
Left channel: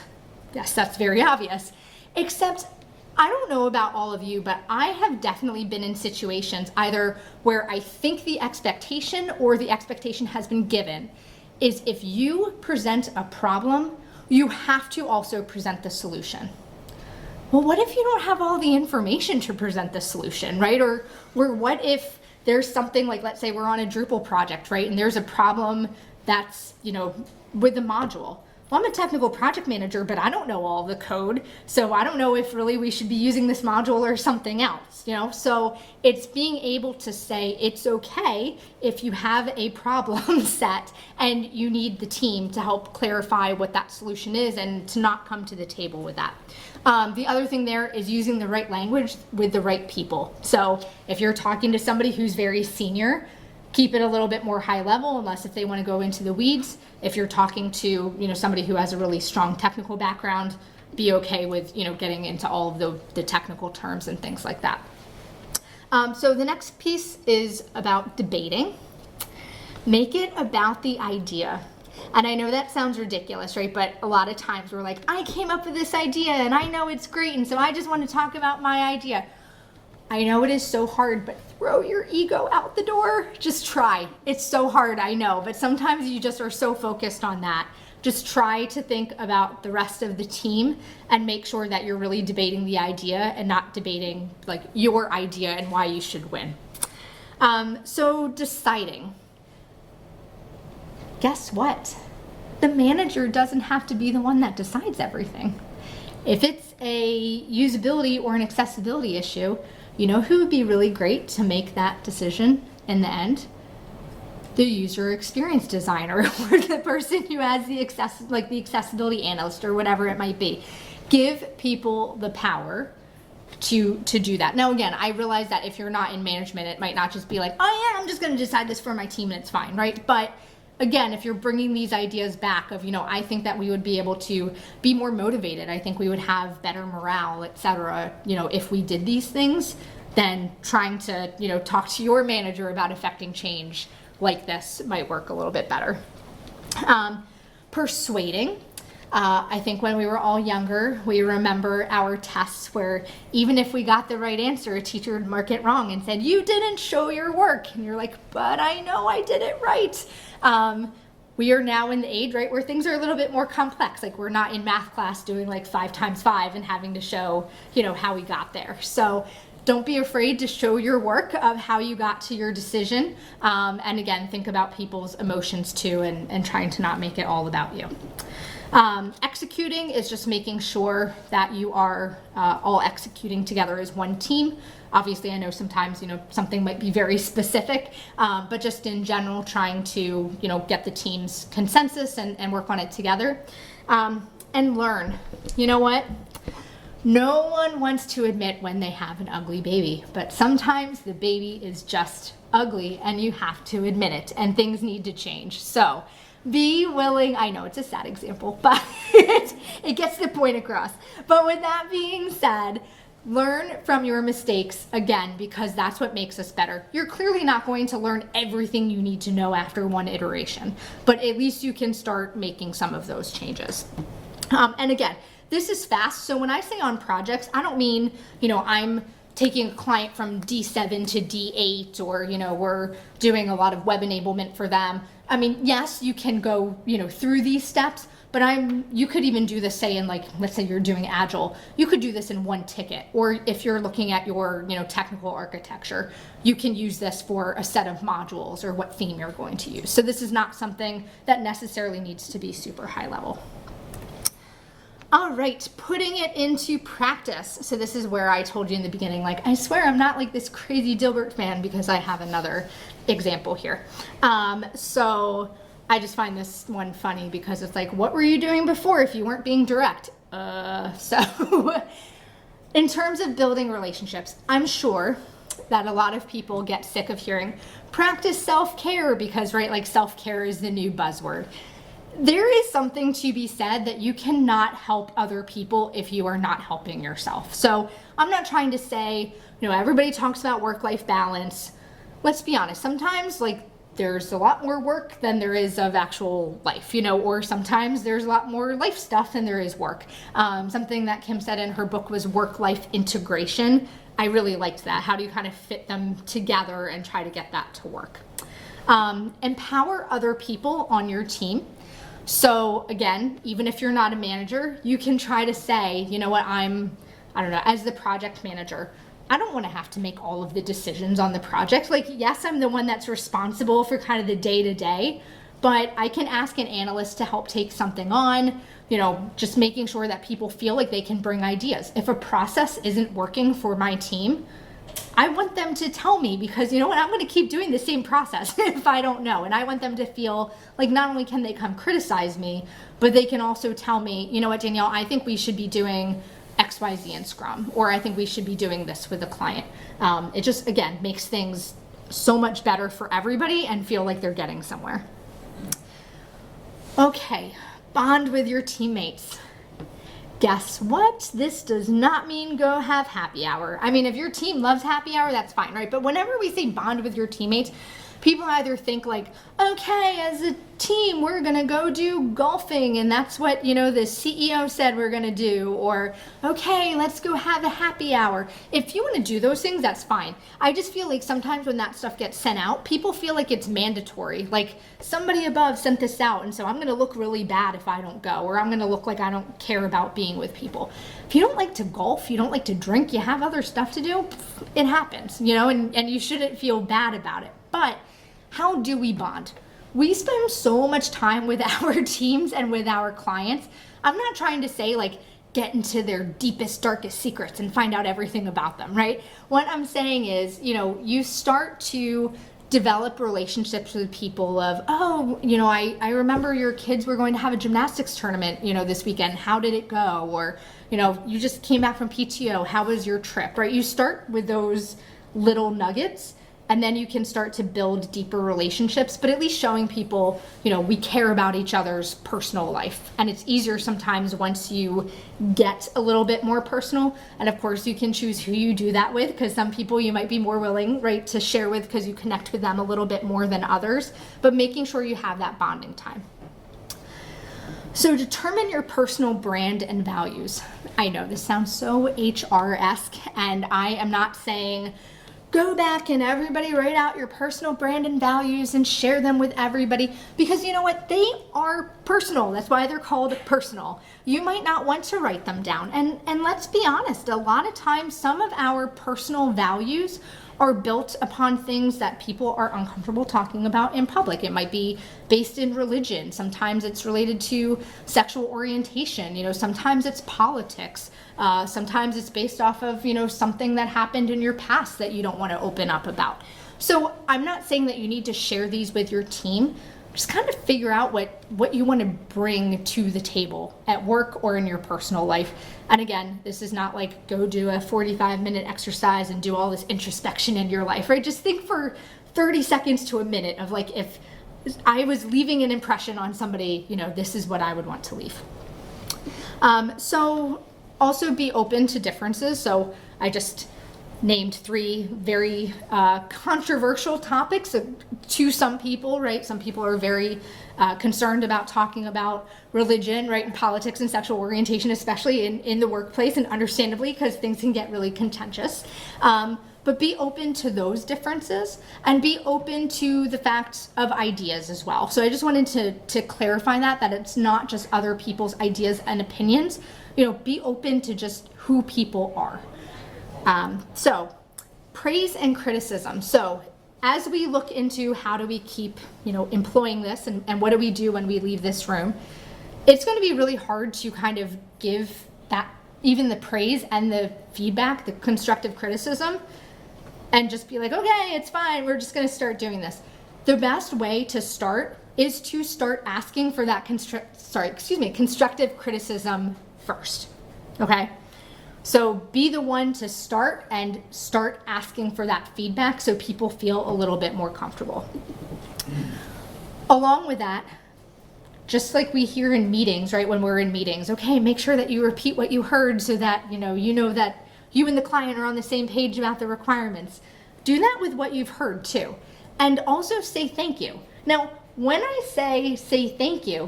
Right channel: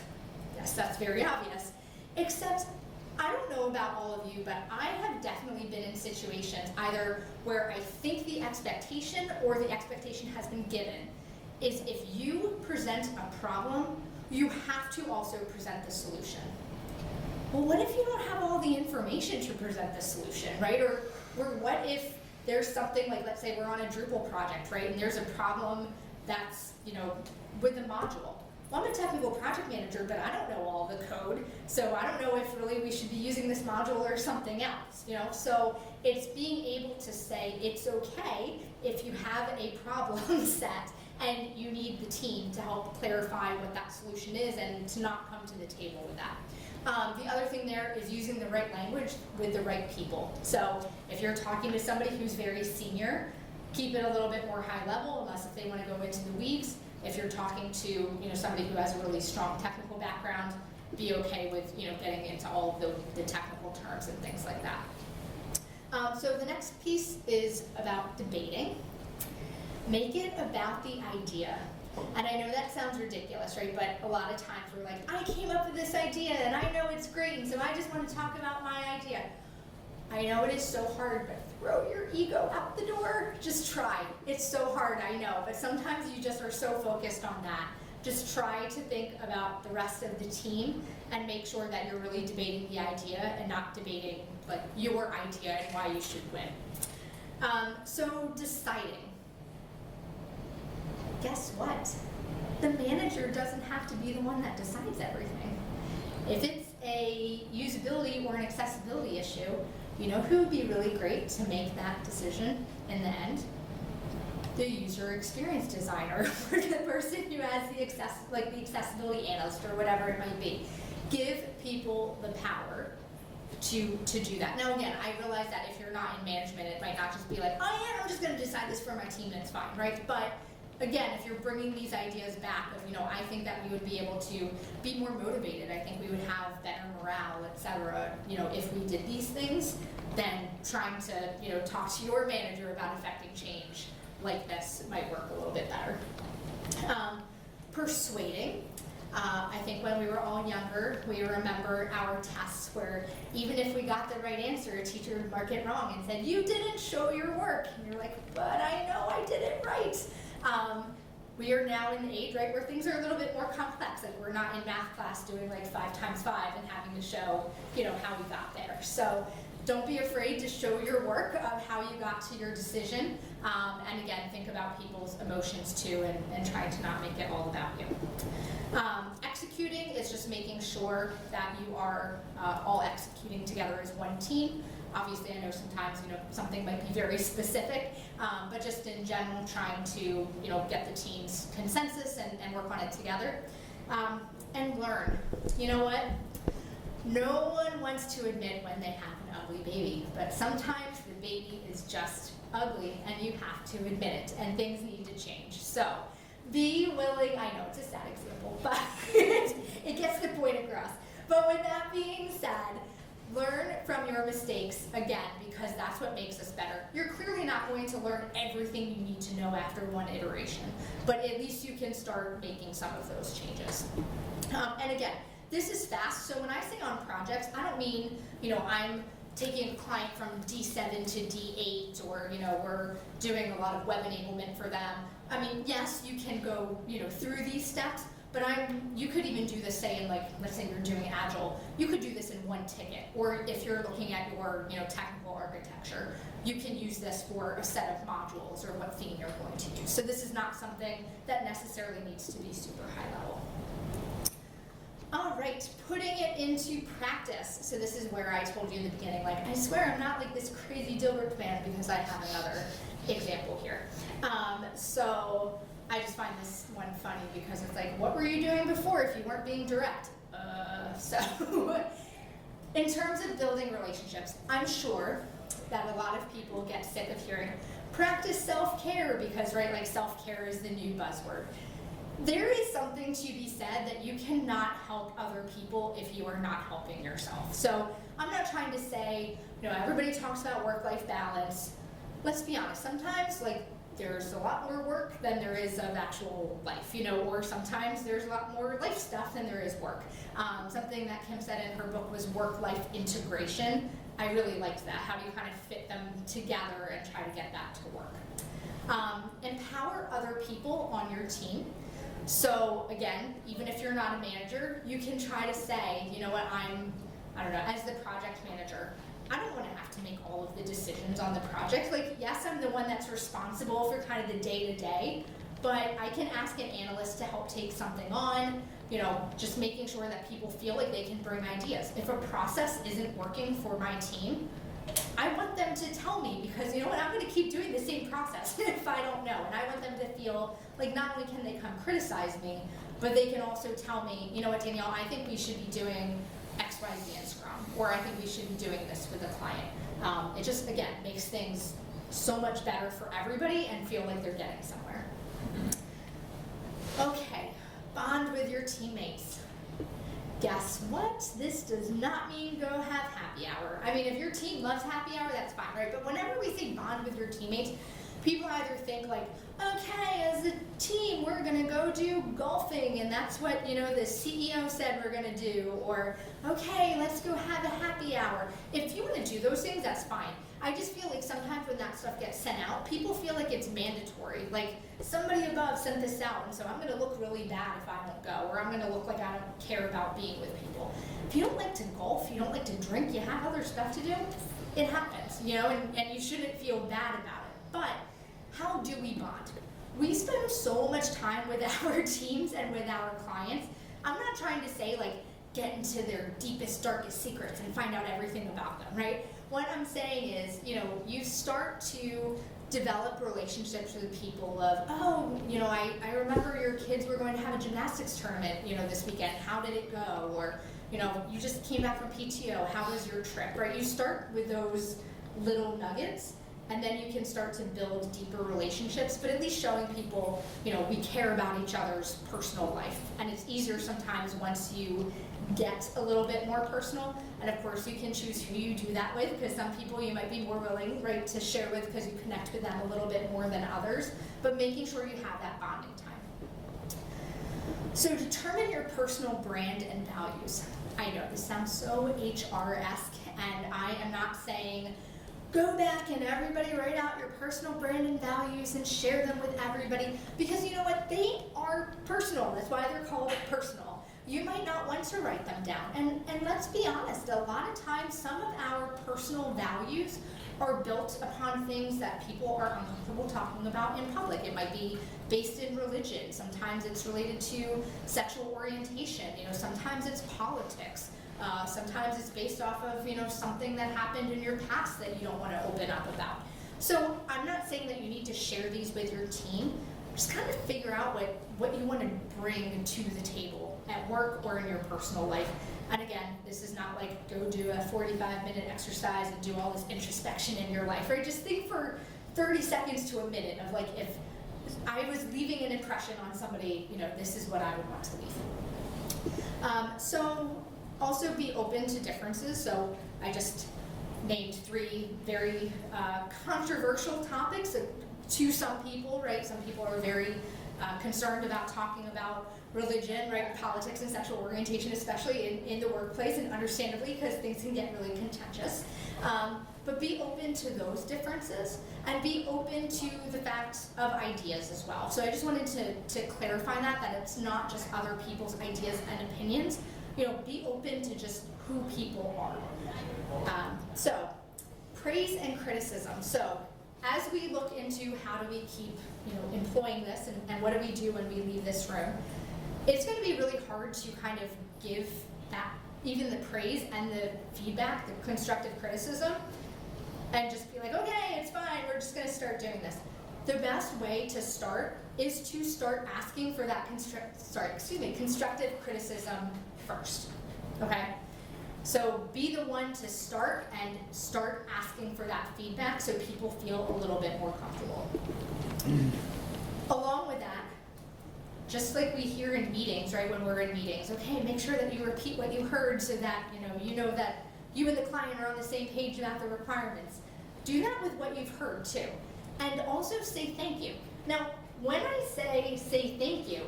Yes, that's very obvious. Except, I don't know about all of you, but I have definitely been in situations either where I think the expectation or the expectation has been given is if you present a problem, you have to also present the solution. Well, what if you don't have all the information to present the solution, right? Or what if there's something like, let's say we're on a Drupal project, right? And there's a problem that's, you know, with the module. Well, I'm a technical project manager, but I don't know all the code, so I don't know if really we should be using this module or something else, you know? So it's being able to say it's okay if you have a problem set and you need the team to help clarify what that solution is and to not come to the table with that. The other thing there is using the right language with the right people. So if you're talking to somebody who's very senior, keep it a little bit more high level, unless if they want to go into the weeds. If you're talking to, you know, somebody who has a really strong technical background, be okay with, you know, getting into all of the technical terms and things like that. So the next piece is about debating. Make it about the idea. And I know that sounds ridiculous, right? But a lot of times we're like, I came up with this idea and I know it's great, and so I just want to talk about my idea. I know it is so hard, but throw your ego out the door. Just try. It's so hard, I know, but sometimes you just are so focused on that. Just try to think about the rest of the team and make sure that you're really debating the idea and not debating like your idea and why you should win. So deciding. Guess what? The manager doesn't have to be the one that decides everything. If it's a usability or an accessibility issue, you know who would be really great to make that decision in the end? The user experience designer or the person who has the accessibility analyst or whatever it might be. Give people the power to do that. Now again, I realize that if you're not in management, it might not just be like, oh yeah, I'm just gonna decide this for my team and it's fine, right? But again, if you're bringing these ideas back of, I think that we would be able to be more motivated. I think we would have better morale, etc. If we did these things, then trying to, talk to your manager about affecting change like this might work a little bit better. Persuading. I think when we were all younger, we remember our tests where even if we got the right answer, a teacher would mark it wrong and said, you didn't show your work. And you're like, but I know I did it right. We are now in the age, right, where things are a little bit more complex. Like we're not in math class doing like 5 times 5 and having to show, how we got there. So don't be afraid to show your work of how you got to your decision. And again, think about people's emotions too and trying to not make it all about you. Executing is just making sure that you are all executing together as one team. Obviously, I know sometimes, something might be very specific, but just in general, trying to, get the team's consensus and work on it together. And learn. You know what? No one wants to admit when they have an ugly baby, but sometimes the baby is just ugly and you have to admit it and things need to change. So be willing, I know it's a sad example, but it gets the point across. But with that being said, learn from your mistakes again, because that's what makes us better. You're clearly not going to learn everything you need to know after one iteration, but at least you can start making some of those changes. And again, this is fast. So when I say on projects, I don't mean, I'm taking a client from D7 to D8 or, we're doing a lot of web enablement for them. I mean, yes, you can go, through these steps, but you could even do this, say in let's say you're doing Agile, you could do this in one ticket. Or if you're looking at your, technical architecture, you can use this for a set of modules or what theme you're going to use. So this is not something that necessarily needs to be super high level. All right, putting it into practice. So this is where I told you in the beginning, I swear I'm not like this crazy Dilbert fan because I have another example here. So I just find this one funny because it's like, what were you doing before if you weren't being direct? So in terms of building relationships, I'm sure that a lot of people get sick of hearing practice self-care because, right, self-care is the new buzzword. There is something to be said that you cannot help other people if you are not helping yourself. So I'm not trying to say, everybody talks about work-life balance. Let's be honest, sometimes there's a lot more work than there is of actual life, or sometimes there's a lot more life stuff than there is work. Something that Kim said in her book was work-life integration. I really liked that. How do you kind of fit them together and try to get that to work? Empower other people on your team. So again, even if you're not a manager, you can try to say, you know what, I don't know, as the project manager, I don't want to have to make all of the decisions on the project. Yes, I'm the one that's responsible for kind of the day-to-day, but I can ask an analyst to help take something on, just making sure that people feel like they can bring ideas. If a process isn't working for my team, I want them to tell me because you know what, I'm going to keep doing the same process if I don't know. And I want them to feel like not only can they come criticize me, but they can also tell me, you know what, Danielle, I think we should be doing X, Y, Z in Scrum, or I think we should be doing this with a client. It just, again, makes things so much better for everybody and feel like they're getting somewhere. Okay, bond with your teammates. Guess what? This does not mean go have happy hour. I mean, if your team loves happy hour, that's fine, right? But whenever we say bond with your teammates, People either think like, okay, as a team, we're gonna go do golfing and that's what, the CEO said we're gonna do, or okay, let's go have a happy hour. If you wanna do those things, that's fine. I just feel like sometimes when that stuff gets sent out, people feel like it's mandatory. Like somebody above sent this out and so I'm gonna look really bad if I don't go, or I'm gonna look like I don't care about being with people. If you don't like to golf, you don't like to drink, you have other stuff to do, it happens, and you shouldn't feel bad about it. But how do we bond? We spend so much time with our teams and with our clients. I'm not trying to say like get into their deepest, darkest secrets and find out everything about them, right? What I'm saying is, you start to develop relationships with people of, I remember your kids were going to have a gymnastics tournament, this weekend. How did it go? Or, you just came back from PTO. How was your trip, right? You start with those little nuggets and then you can start to build deeper relationships, but at least showing people, we care about each other's personal life. And it's easier sometimes once you get a little bit more personal. And of course you can choose who you do that with, because some people you might be more willing, right, to share with because you connect with them a little bit more than others, but making sure you have that bonding time. So determine your personal brand and values. I know this sounds so HR-esque, and I am not saying go back and everybody write out your personal brand and values and share them with everybody, because you know what, they are personal. That's why they're called personal. You might not want to write them down, and let's be honest, a lot of times some of our personal values are built upon things that people are uncomfortable talking about in public. It might be based in religion, sometimes it's related to sexual orientation, sometimes it's politics. Sometimes it's based off of, something that happened in your past that you don't want to open up about. So I'm not saying that you need to share these with your team. Just kind of figure out what you want to bring to the table at work or in your personal life. And again, this is not like go do a 45-minute exercise and do all this introspection in your life, right? Just think for 30 seconds to a minute of like, if I was leaving an impression on somebody, this is what I would want to leave. So also be open to differences. So I just named 3 very controversial topics to some people, right? Some people are very concerned about talking about religion, right, and politics and sexual orientation, especially in the workplace, and understandably, because things can get really contentious. But be open to those differences and be open to the fact of ideas as well. So I just wanted to clarify that it's not just other people's ideas and opinions. Be open to just who people are. So praise and criticism. So as we look into how do we keep, employing this and what do we do when we leave this room, it's going to be really hard to kind of give that, even the praise and the feedback, the constructive criticism, and just be like, okay, it's fine, we're just going to start doing this. The best way to start is to start asking for that constructive criticism first, okay? So be the one to start and start asking for that feedback so people feel a little bit more comfortable. Along with that, just like we hear in meetings, right, when we're in meetings, okay, make sure that you repeat what you heard so that you know that you and the client are on the same page about the requirements. Do that with what you've heard too. And also say thank you. Now, when I say thank you,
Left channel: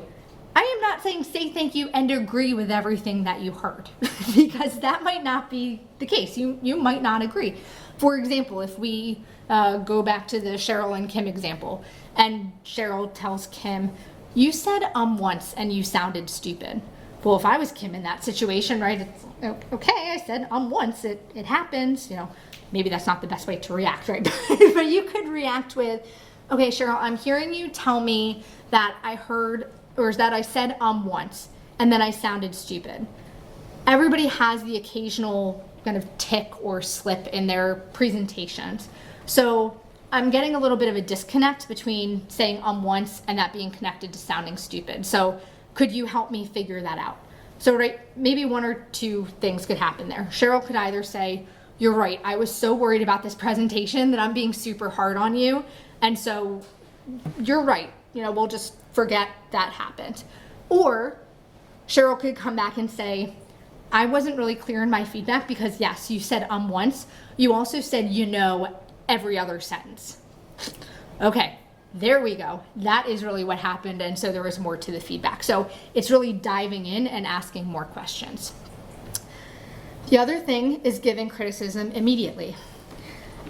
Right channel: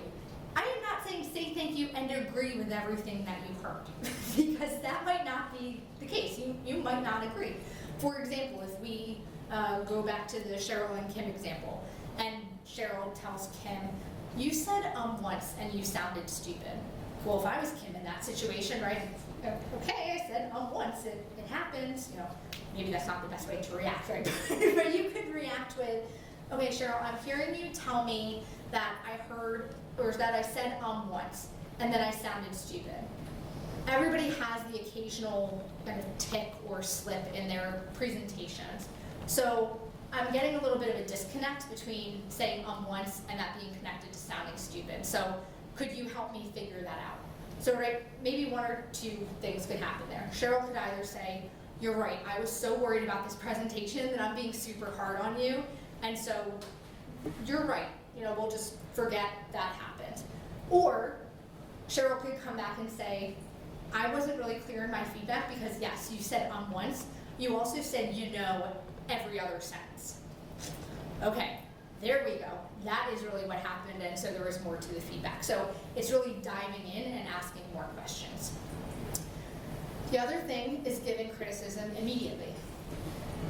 I am not saying say thank you and agree with everything that you heard, because that might not be the case. You might not agree. For example, if we go back to the Cheryl and Kim example, and Cheryl tells Kim, you said once and you sounded stupid. Well, if I was Kim in that situation, right, it's okay, I said once, it happens, maybe that's not the best way to react, right? But you could react with, okay, Cheryl, I'm hearing you tell me that I heard, or that I said once, and then I sounded stupid. Everybody has the occasional kind of tick or slip in their presentations. So I'm getting a little bit of a disconnect between saying once and that being connected to sounding stupid. So could you help me figure that out? So right, maybe 1 or 2 things could happen there. Cheryl could either say, you're right, I was so worried about this presentation that I'm being super hard on you, and so you're right, we'll just forget that happened. Or Cheryl could come back and say, I wasn't really clear in my feedback because yes, you said once, you also said every other sentence. Okay, there we go. That is really what happened, and so there was more to the feedback. So it's really diving in and asking more questions. The other thing is giving criticism immediately.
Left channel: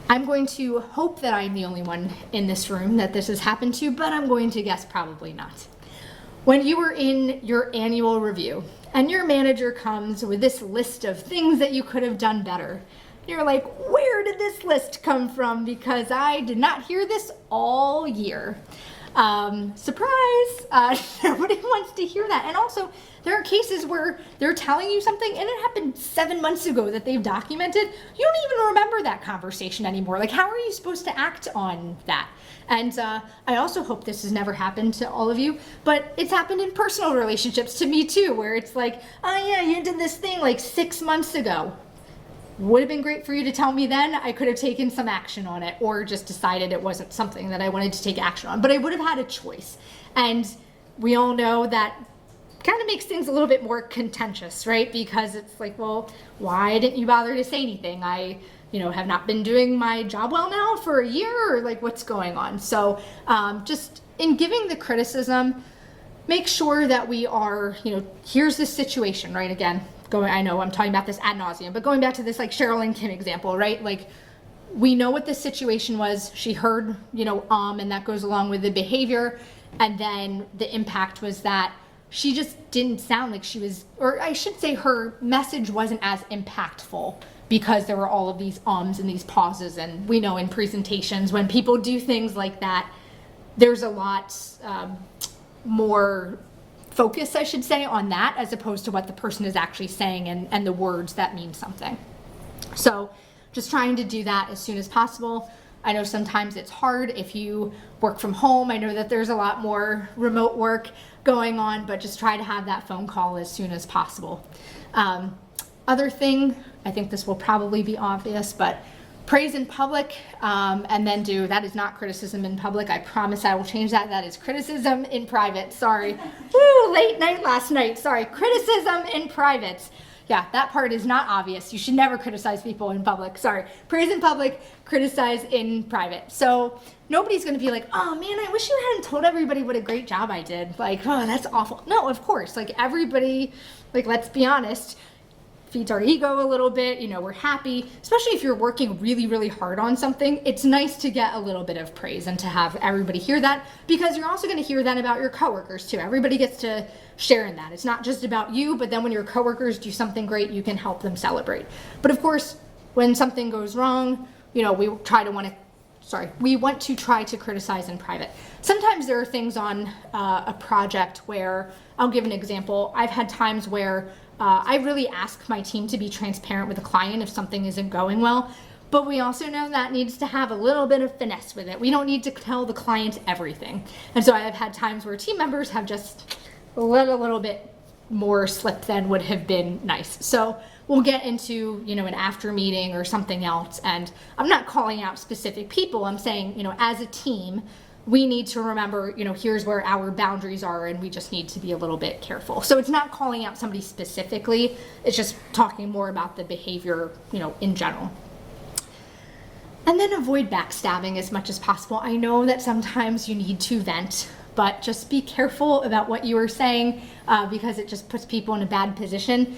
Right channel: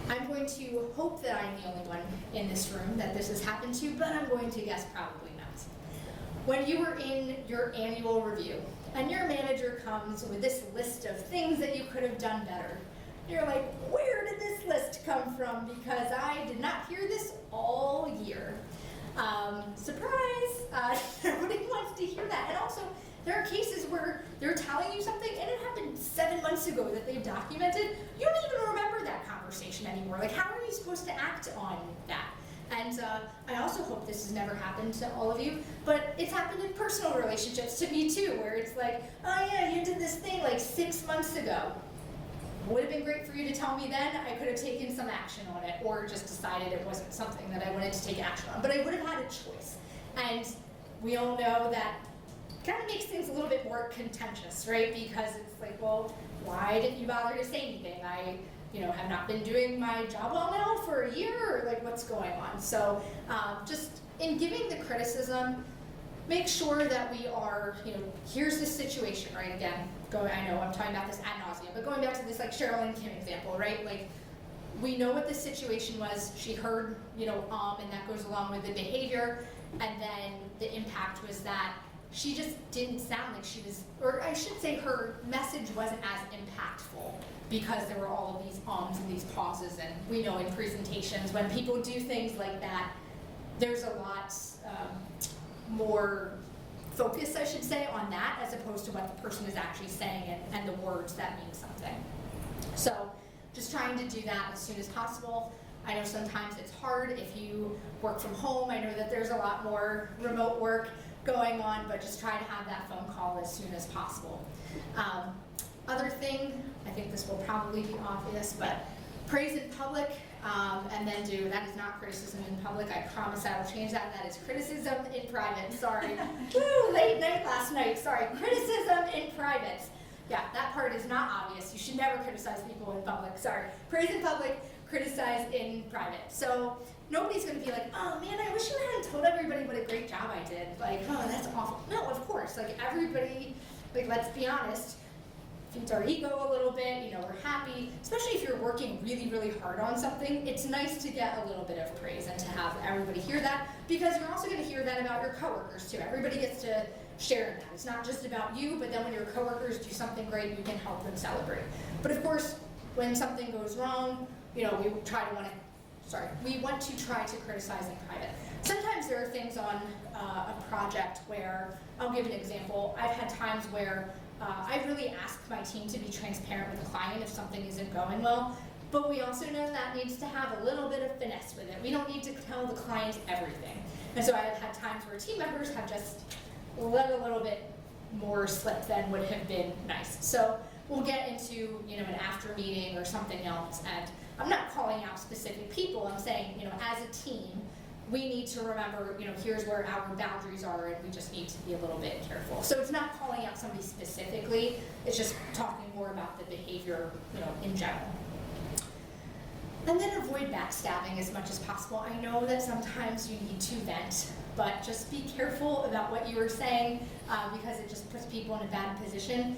I'm going to hope that I'm the only one in this room that this has happened to, but I'm going to guess probably not. When you were in your annual review and your manager comes with this list of things that you could have done better, you're like, where did this list come from? Because I did not hear this all year. Surprise! Nobody wants to hear that. And also, there are cases where they're telling you something and it happened 7 months ago that they've documented. You don't even remember that conversation anymore. Like, how are you supposed to act on that? And I also hope this has never happened to all of you, but it's happened in personal relationships to me too, where it's like, oh yeah, you did this thing like 6 months ago. Would have been great for you to tell me then. I could have taken some action on it or just decided it wasn't something that I wanted to take action on, but I would have had a choice. And we all know that kind of makes things a little bit more contentious, right? Because it's like, well, why didn't you bother to say anything? I, have not been doing my job well now for a year, or like what's going on? So just in giving the criticism, make sure that we are, here's the situation, right? Again, I know I'm talking about this ad nauseum, but going back to this like Cheryl and Kim example, right? Like, we know what the situation was. She heard, and that goes along with the behavior. And then the impact was that she just didn't sound like she was, or I should say her message wasn't as impactful because there were all of these ums and these pauses. And we know in presentations, when people do things like that, there's a lot more focus, I should say, on that as opposed to what the person is actually saying and the words that mean something. So just trying to do that as soon as possible. I know sometimes it's hard if you work from home. I know that there's a lot more remote work going on, but just try to have that phone call as soon as possible. Other thing, I think this will probably be obvious, but praise in public, and then that is not criticism in public. I promise I will change that. That is criticism in private. Sorry. Woo, late night last night. Sorry. Criticism in private. Yeah, that part is not obvious. You should never criticize people in public. Sorry. Praise in public, criticize in private. So nobody's going to be like, oh man, I wish you hadn't told everybody what a great job I did. Like, oh, that's awful. No, of course. Like, everybody, like, let's be honest, feeds our ego a little bit, we're happy, especially if you're working really, really hard on something. It's nice to get a little bit of praise and to have everybody hear that, because you're also going to hear that about your coworkers too. Everybody gets to share in that. It's not just about you, but then when your coworkers do something great, you can help them celebrate. But of course, when something goes wrong, we want to try to criticize in private. Sometimes there are things on a project where, I'll give an example. I've had times where I really ask my team to be transparent with the client if something isn't going well, but we also know that needs to have a little bit of finesse with it. We don't need to tell the client everything. And so I have had times where team members have just let a little bit more slip than would have been nice. So we'll get into, an after meeting or something else, and I'm not calling out specific people. I'm saying, as a team, we need to remember, here's where our boundaries are, and we just need to be a little bit careful. So it's not calling out somebody specifically, it's just talking more about the behavior, in general. And then avoid backstabbing as much as possible. I know that sometimes you need to vent, but just be careful about what you are saying because it just puts people in a bad position.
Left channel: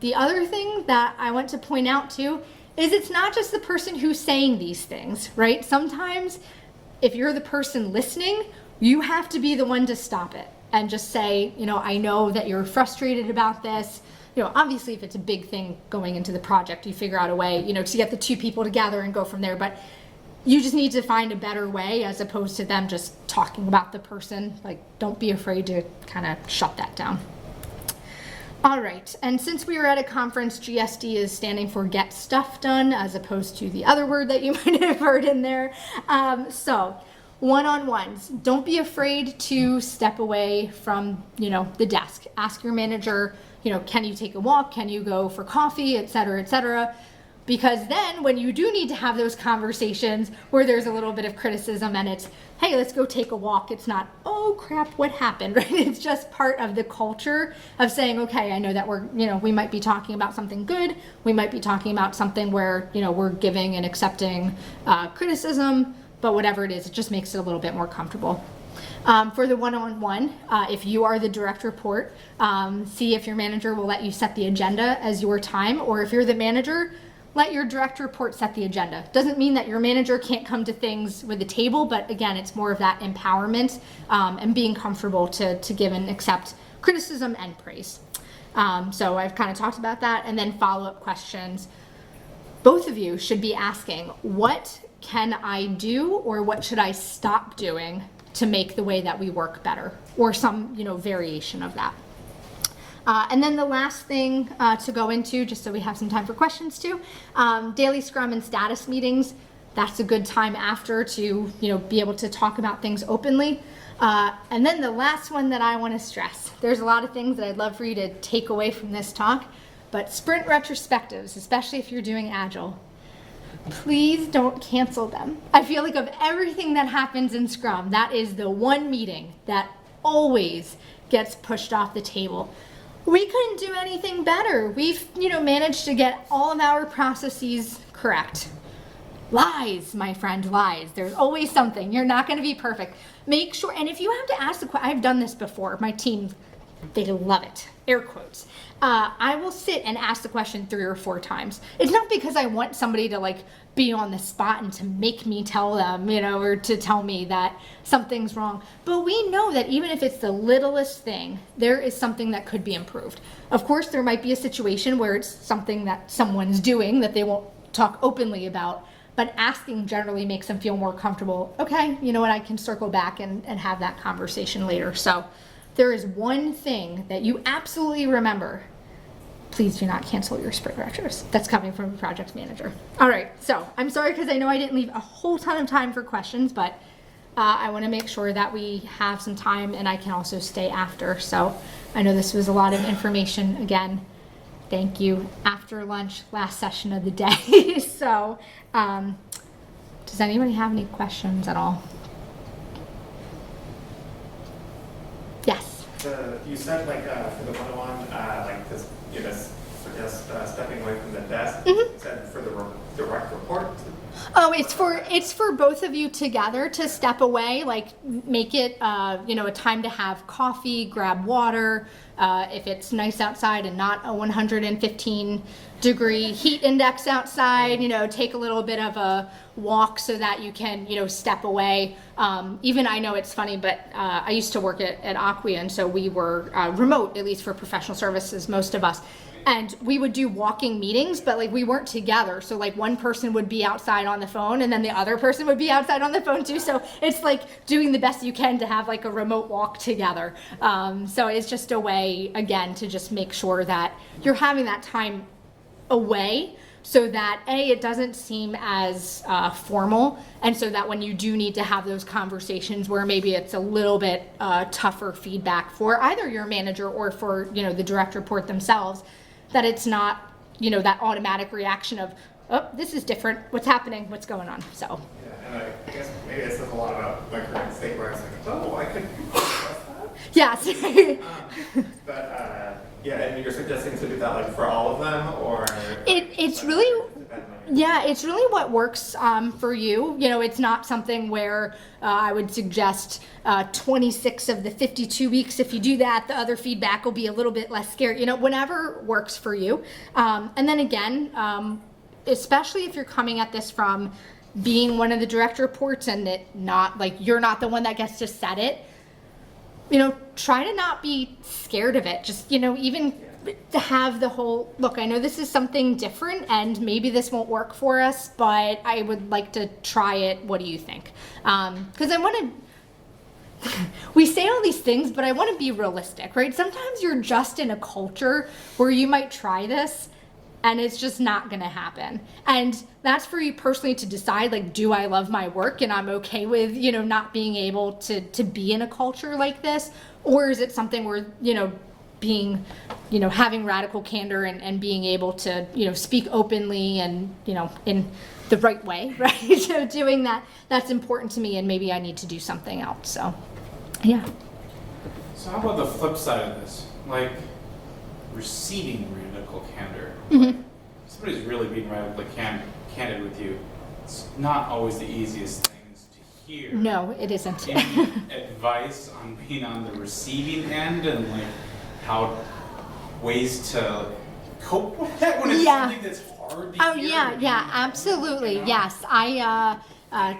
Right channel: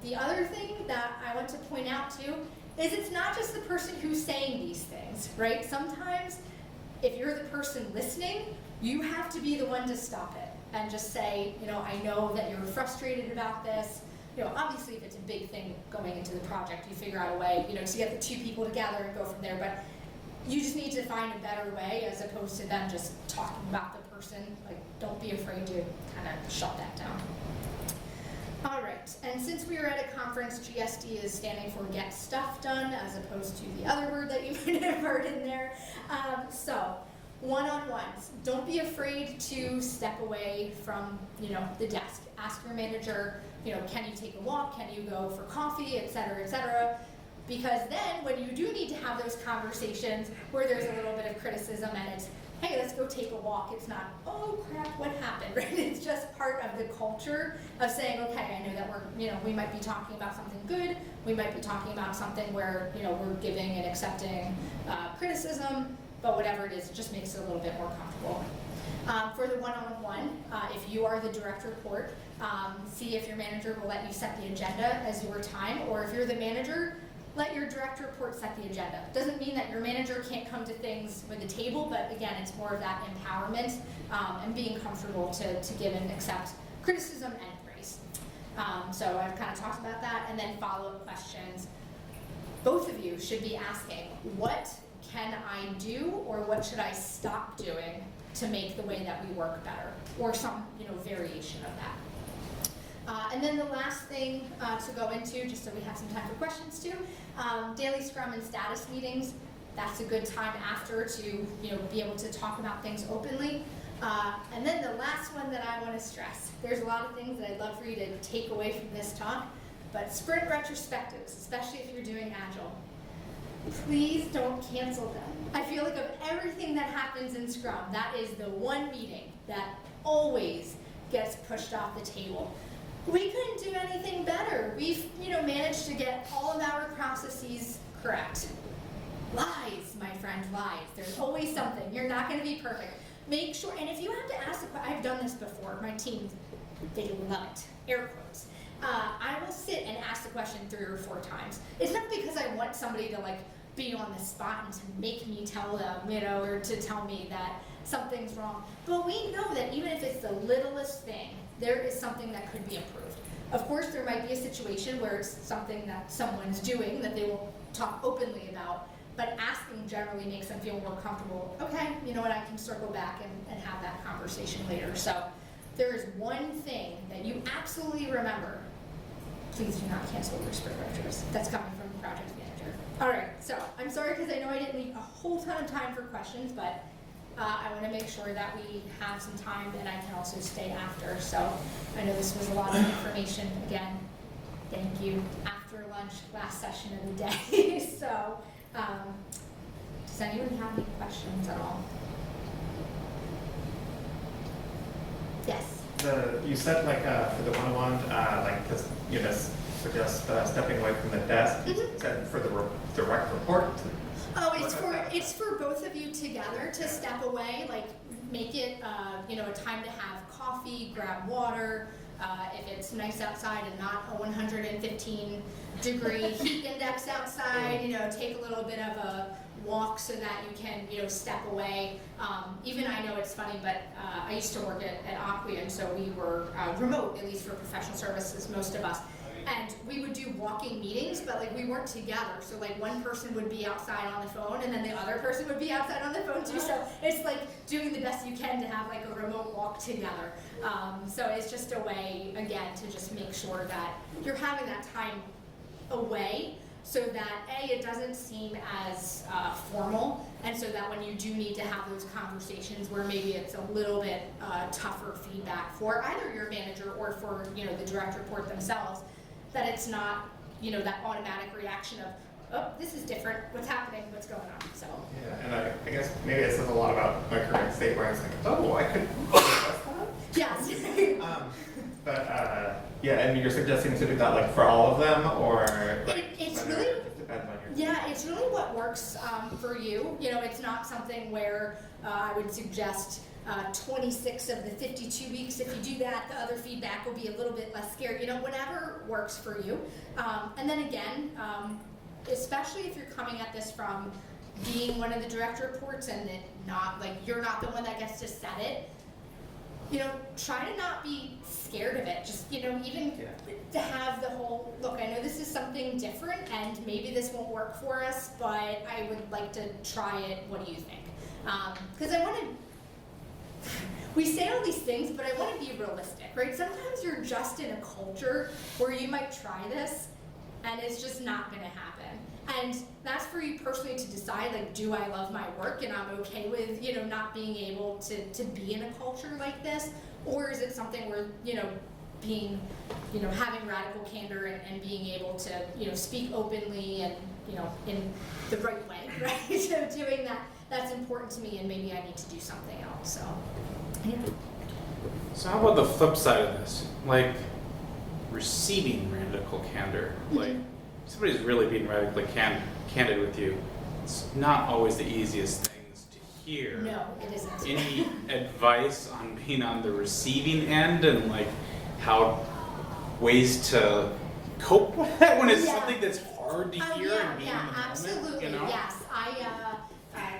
The other thing that I want to point out too is it's not just the person who's saying these things, right? Sometimes if you're the person listening, you have to be the one to stop it and just say, I know that you're frustrated about this. Obviously if it's a big thing going into the project, you figure out a way, to get the two people together and go from there. But you just need to find a better way as opposed to them just talking about the person. Like, don't be afraid to kind of shut that down. All right, and since we were at a conference, GSD is standing for Get Stuff Done, as opposed to the other word that you might have heard in there. So, one-on-ones. Don't be afraid to step away from, the desk. Ask your manager, can you take a walk? Can you go for coffee, et cetera, et cetera. Because then when you do need to have those conversations where there's a little bit of criticism and it's, hey, let's go take a walk. It's not, oh crap, what happened, right? It's just part of the culture of saying, okay, I know that we might be talking about something good. We might be talking about something where, we're giving and accepting criticism. but whatever it is, it just makes it a little bit more comfortable. For the one-on-one, if you are the direct report, see if your manager will let you set the agenda as your time, or if you're the manager, let your direct report set the agenda. Doesn't mean that your manager can't come to things with the table, but again, it's more of that empowerment and being comfortable to give and accept criticism and praise. So I've kind of talked about that, and then follow-up questions. Both of you should be asking, what can I do, or what should I stop doing to make the way that we work better, or some variation of that. And then the last thing to go into, just so we have some time for questions too, daily scrum and status meetings. That's a good time after to be able to talk about things openly. And then the last one that I want to stress, there's a lot of things that I'd love for you to take away from this talk, but sprint retrospectives, especially if you're doing Agile, please don't cancel them. I feel like of everything that happens in Scrum, that is the one meeting that always gets pushed off the table. We couldn't do anything better. We've managed to get all of our processes correct. Lies, my friend, lies. There's always something. You're not going to be perfect. Make sure, and if you have to ask the question, I've done this before. My team, they love it. Air quotes. I will sit and ask the question 3 or 4 times. It's not because I want somebody to be on the spot and to make me tell them, or to tell me that something's wrong. But we know that even if it's the littlest thing, there is something that could be improved. Of course, there might be a situation where it's something that someone's doing that they won't talk openly about, but asking generally makes them feel more comfortable. Okay, you know what, I can circle back and have that conversation later. So there is one thing that you absolutely remember. Please do not cancel your sprint retros. That's coming from the project manager. All right, so I'm sorry because I know I didn't leave a whole ton of time for questions, but I want to make sure that we have some time and I can also stay after. So I know this was a lot of information. Again, thank you. After lunch, last session of the day. So does anybody have any questions at all? Yes. You said for the one-on-one, suggest stepping away from the desk. Mm-hmm. Is that for the direct report? Oh, it's for both of you together to step away. Make it a time to have coffee, grab water. If it's nice outside and not a 115-degree heat index outside, take a little bit of a walk so that you can step away. Even I know it's funny, but I used to work at Acquia, and so we were remote, at least for professional services, most of us. And we would do walking meetings, but we weren't together. So one person would be outside on the phone and then the other person would be outside on the phone too. So it's doing the best you can to have a remote walk together. So it's just a way, again, to just make sure that you're having that time away so that it doesn't seem as formal, and so that when you do need to have those conversations where maybe it's a little bit tougher feedback for either your manager or for the direct report themselves, that it's not that automatic reaction of, oh, this is different, what's happening, what's going on. So yeah, and I guess maybe it says a lot about my current state where I was oh, I could yes. But and you're suggesting to do that for all of them, or it's really it's really what works for you. It's not something where I would suggest 26 of the 52 weeks. If you do that, the other feedback will be a little bit less scary. Whenever works for you. And then again, especially if you're coming at this from being one of the direct reports and it not you're not the one that gets to set it. Try to not be scared of it. Just, even to have the whole, look, I know this is something different and maybe this won't work for us, but I would like to try it. What do you think? Because I want to, we say all these things, but I want to be realistic, right? Sometimes you're just in a culture where you might try this and it's just not going to happen. And that's for you personally to decide, do I love my work and I'm okay with, not being able to be in a culture like this? Or is it something where, being, having radical candor and being able to, speak openly and, in the right way, right? So doing that, that's important to me and maybe I need to do something else. So, yeah. So how about the flip side of this? Receiving radical candor. Mm-hmm. Somebody's really being radically candid with you. It's not always the easiest things here. No, it isn't. Any advice on being on the receiving end and like how ways to cope with that when it's Yeah. something that's hard to Oh hear? yeah, absolutely. You know? Yes,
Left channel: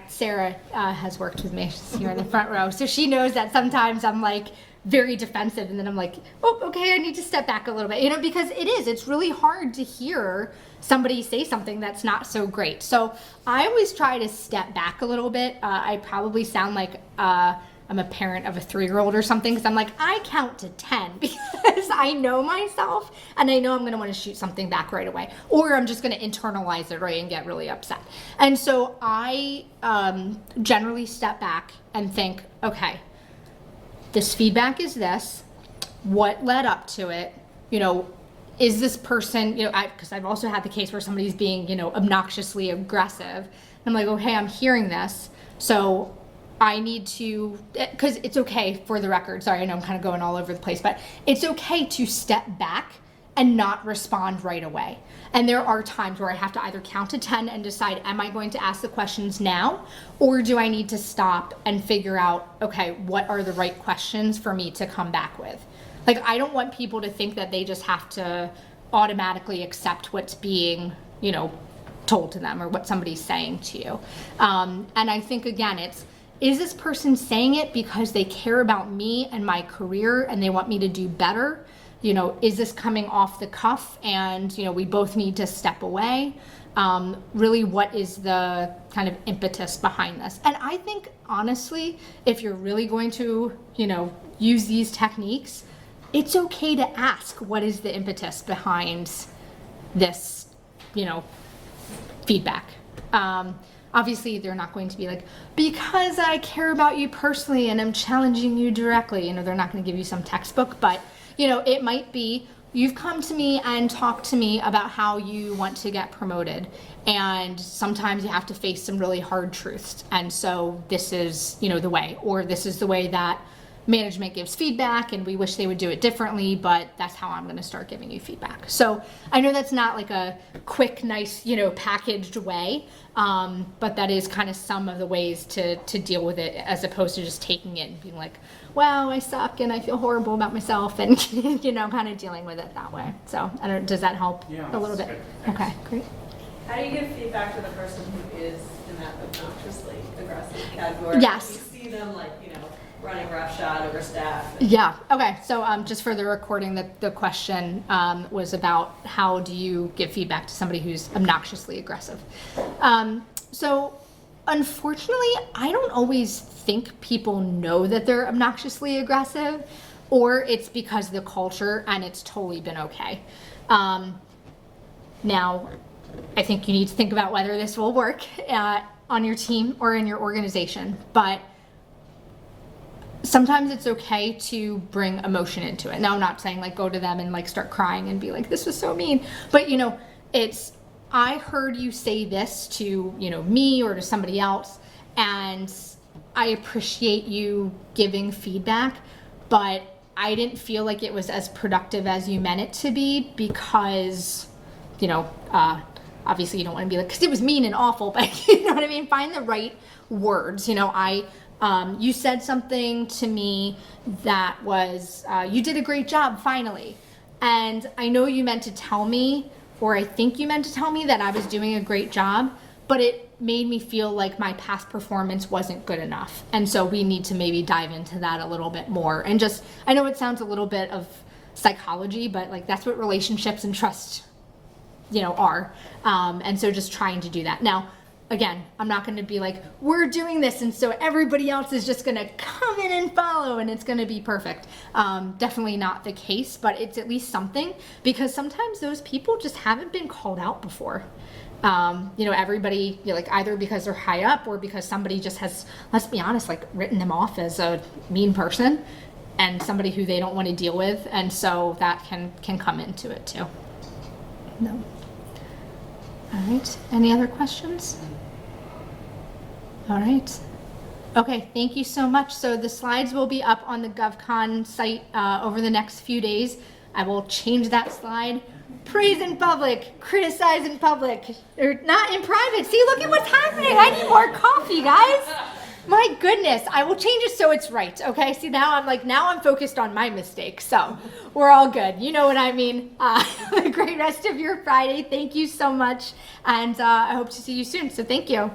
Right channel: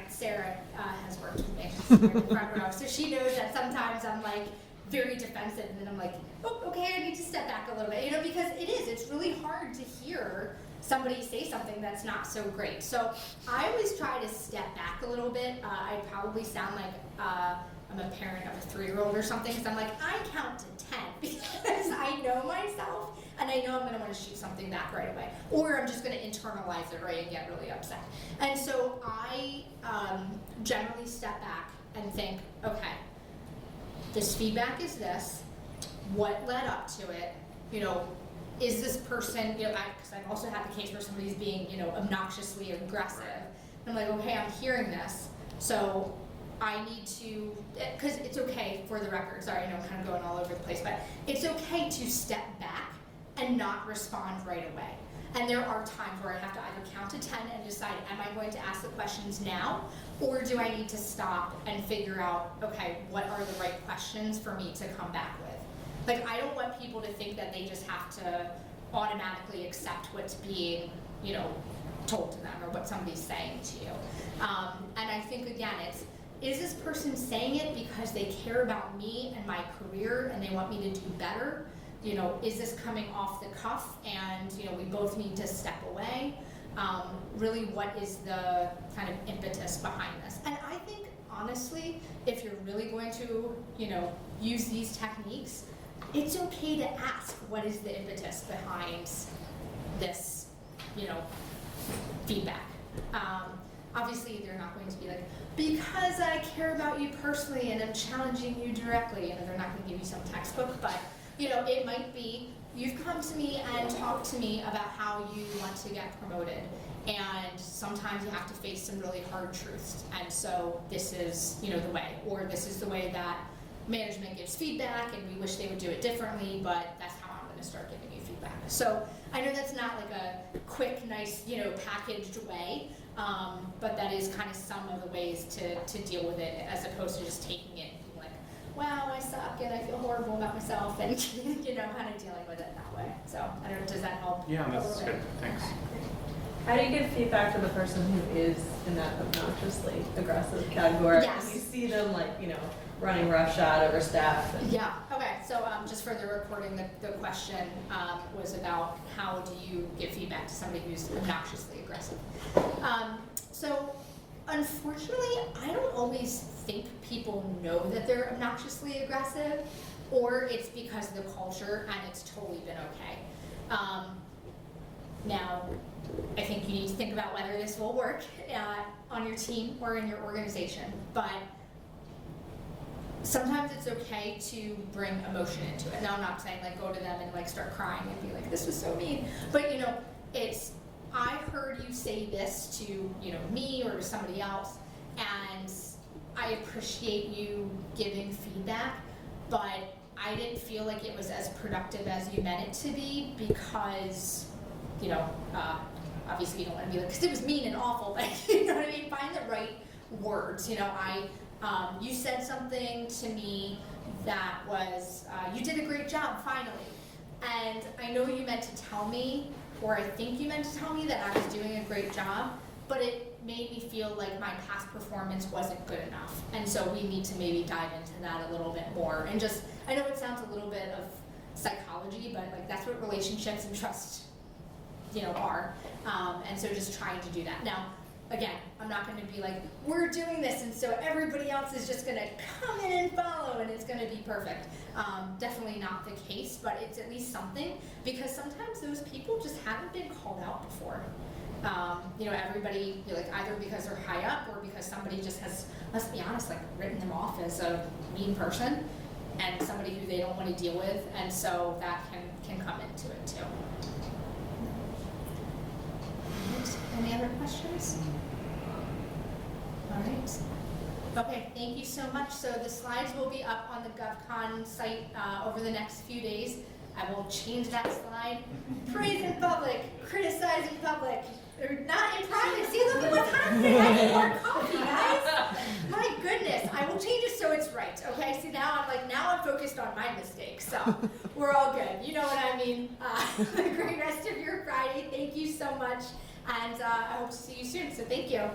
Sarah has worked with me. She's here in the front row, so she knows that sometimes I'm like very defensive, and then I'm like, oh, okay, I need to step back a little bit, because it's really hard to hear somebody say something that's not so great. So I always try to step back a little bit. I probably sound like I'm a parent of a 3-year-old or something, because I'm like, I count to 10 because I know myself and I know I'm going to want to shoot something back right away, or I'm just going to internalize it, right, and get really upset. And so I generally step back and think, okay, this feedback is this, what led up to it, is this person, because I've also had the case where somebody's being, obnoxiously aggressive. I'm like, okay, I'm hearing this, so I need to, because it's okay, for the record, sorry, I know I'm kind of going all over the place, but it's okay to step back and not respond right away. And there are times where I have to either count to 10 and decide, am I going to ask the questions now, or do I need to stop and figure out, okay, what are the right questions for me to come back with? Like, I don't want people to think that they just have to automatically accept what's being, told to them or what somebody's saying to you. And I think, again, is this person saying it because they care about me and my career and they want me to do better? Is this coming off the cuff and, we both need to step away? Really, what is the kind of impetus behind this? And I think, honestly, if you're really going to, use these techniques, it's okay to ask what is the impetus behind this, feedback. Obviously, they're not going to be like, because I care about you personally and I'm challenging you directly. They're not going to give you some textbook, but, it might be, you've come to me and talked to me about how you want to get promoted. And sometimes you have to face some really hard truths. And so this is, the way, or this is the way that management gives feedback and we wish they would do it differently, but that's how I'm going to start giving you feedback. So I know that's not like a quick, nice, packaged way, but that is kind of some of the ways to deal with it, as opposed to just taking it and being like, wow, I suck and I feel horrible about myself, and kind of dealing with it that way. So I don't know, does that help Yeah, a little bit? good. Thanks. Okay, great. How do you give feedback to the person who is in that obnoxiously aggressive category? Yes. You see them running roughshod over staff. Yeah, okay, so just for the recording, the question was about how do you give feedback to somebody who's obnoxiously aggressive. So unfortunately, I don't always think people know that they're obnoxiously aggressive, or it's because of the culture and it's totally been okay. Now, I think you need to think about whether this will work on your team or in your organization, but sometimes it's okay to bring emotion into it. Now, I'm not saying go to them and start crying and be like, this was so mean, but it's, I heard you say this to, me or to somebody else, and I appreciate you giving feedback, but I didn't feel like it was as productive as you meant it to be, because, obviously you don't want to be like, because it was mean and awful, but you know what I mean? Find the right words. You said something to me that was, you did a great job, finally. And I know you meant to tell me, or I think you meant to tell me that I was doing a great job, but it made me feel like my past performance wasn't good enough. And so we need to maybe dive into that a little bit more. And just, I know it sounds a little bit of psychology, but that's what relationships and trust, are. And so just trying to do that. Now, again, I'm not going to be like, we're doing this, and so everybody else is just going to come in and follow, and it's going to be perfect. Definitely not the case, but it's at least something, because sometimes those people just haven't been called out before. Everybody, either because they're high up or because somebody just has, let's be honest, written them off as a mean person and somebody who they don't want to deal with, and so that can come into it too. No. All right. Any other questions? All right. Okay, thank you so much. So the slides will be up on the GovCon site over the next few days. I will change that slide. Praise in public, criticize in public, or not in private. See, look at what's happening. I need more coffee, guys. My goodness, I will change it so it's right, okay? See, now I'm focused on my mistakes, so we're all good. You know what I mean? Have a great rest of your Friday. Thank you so much, and I hope to see you soon, so thank you.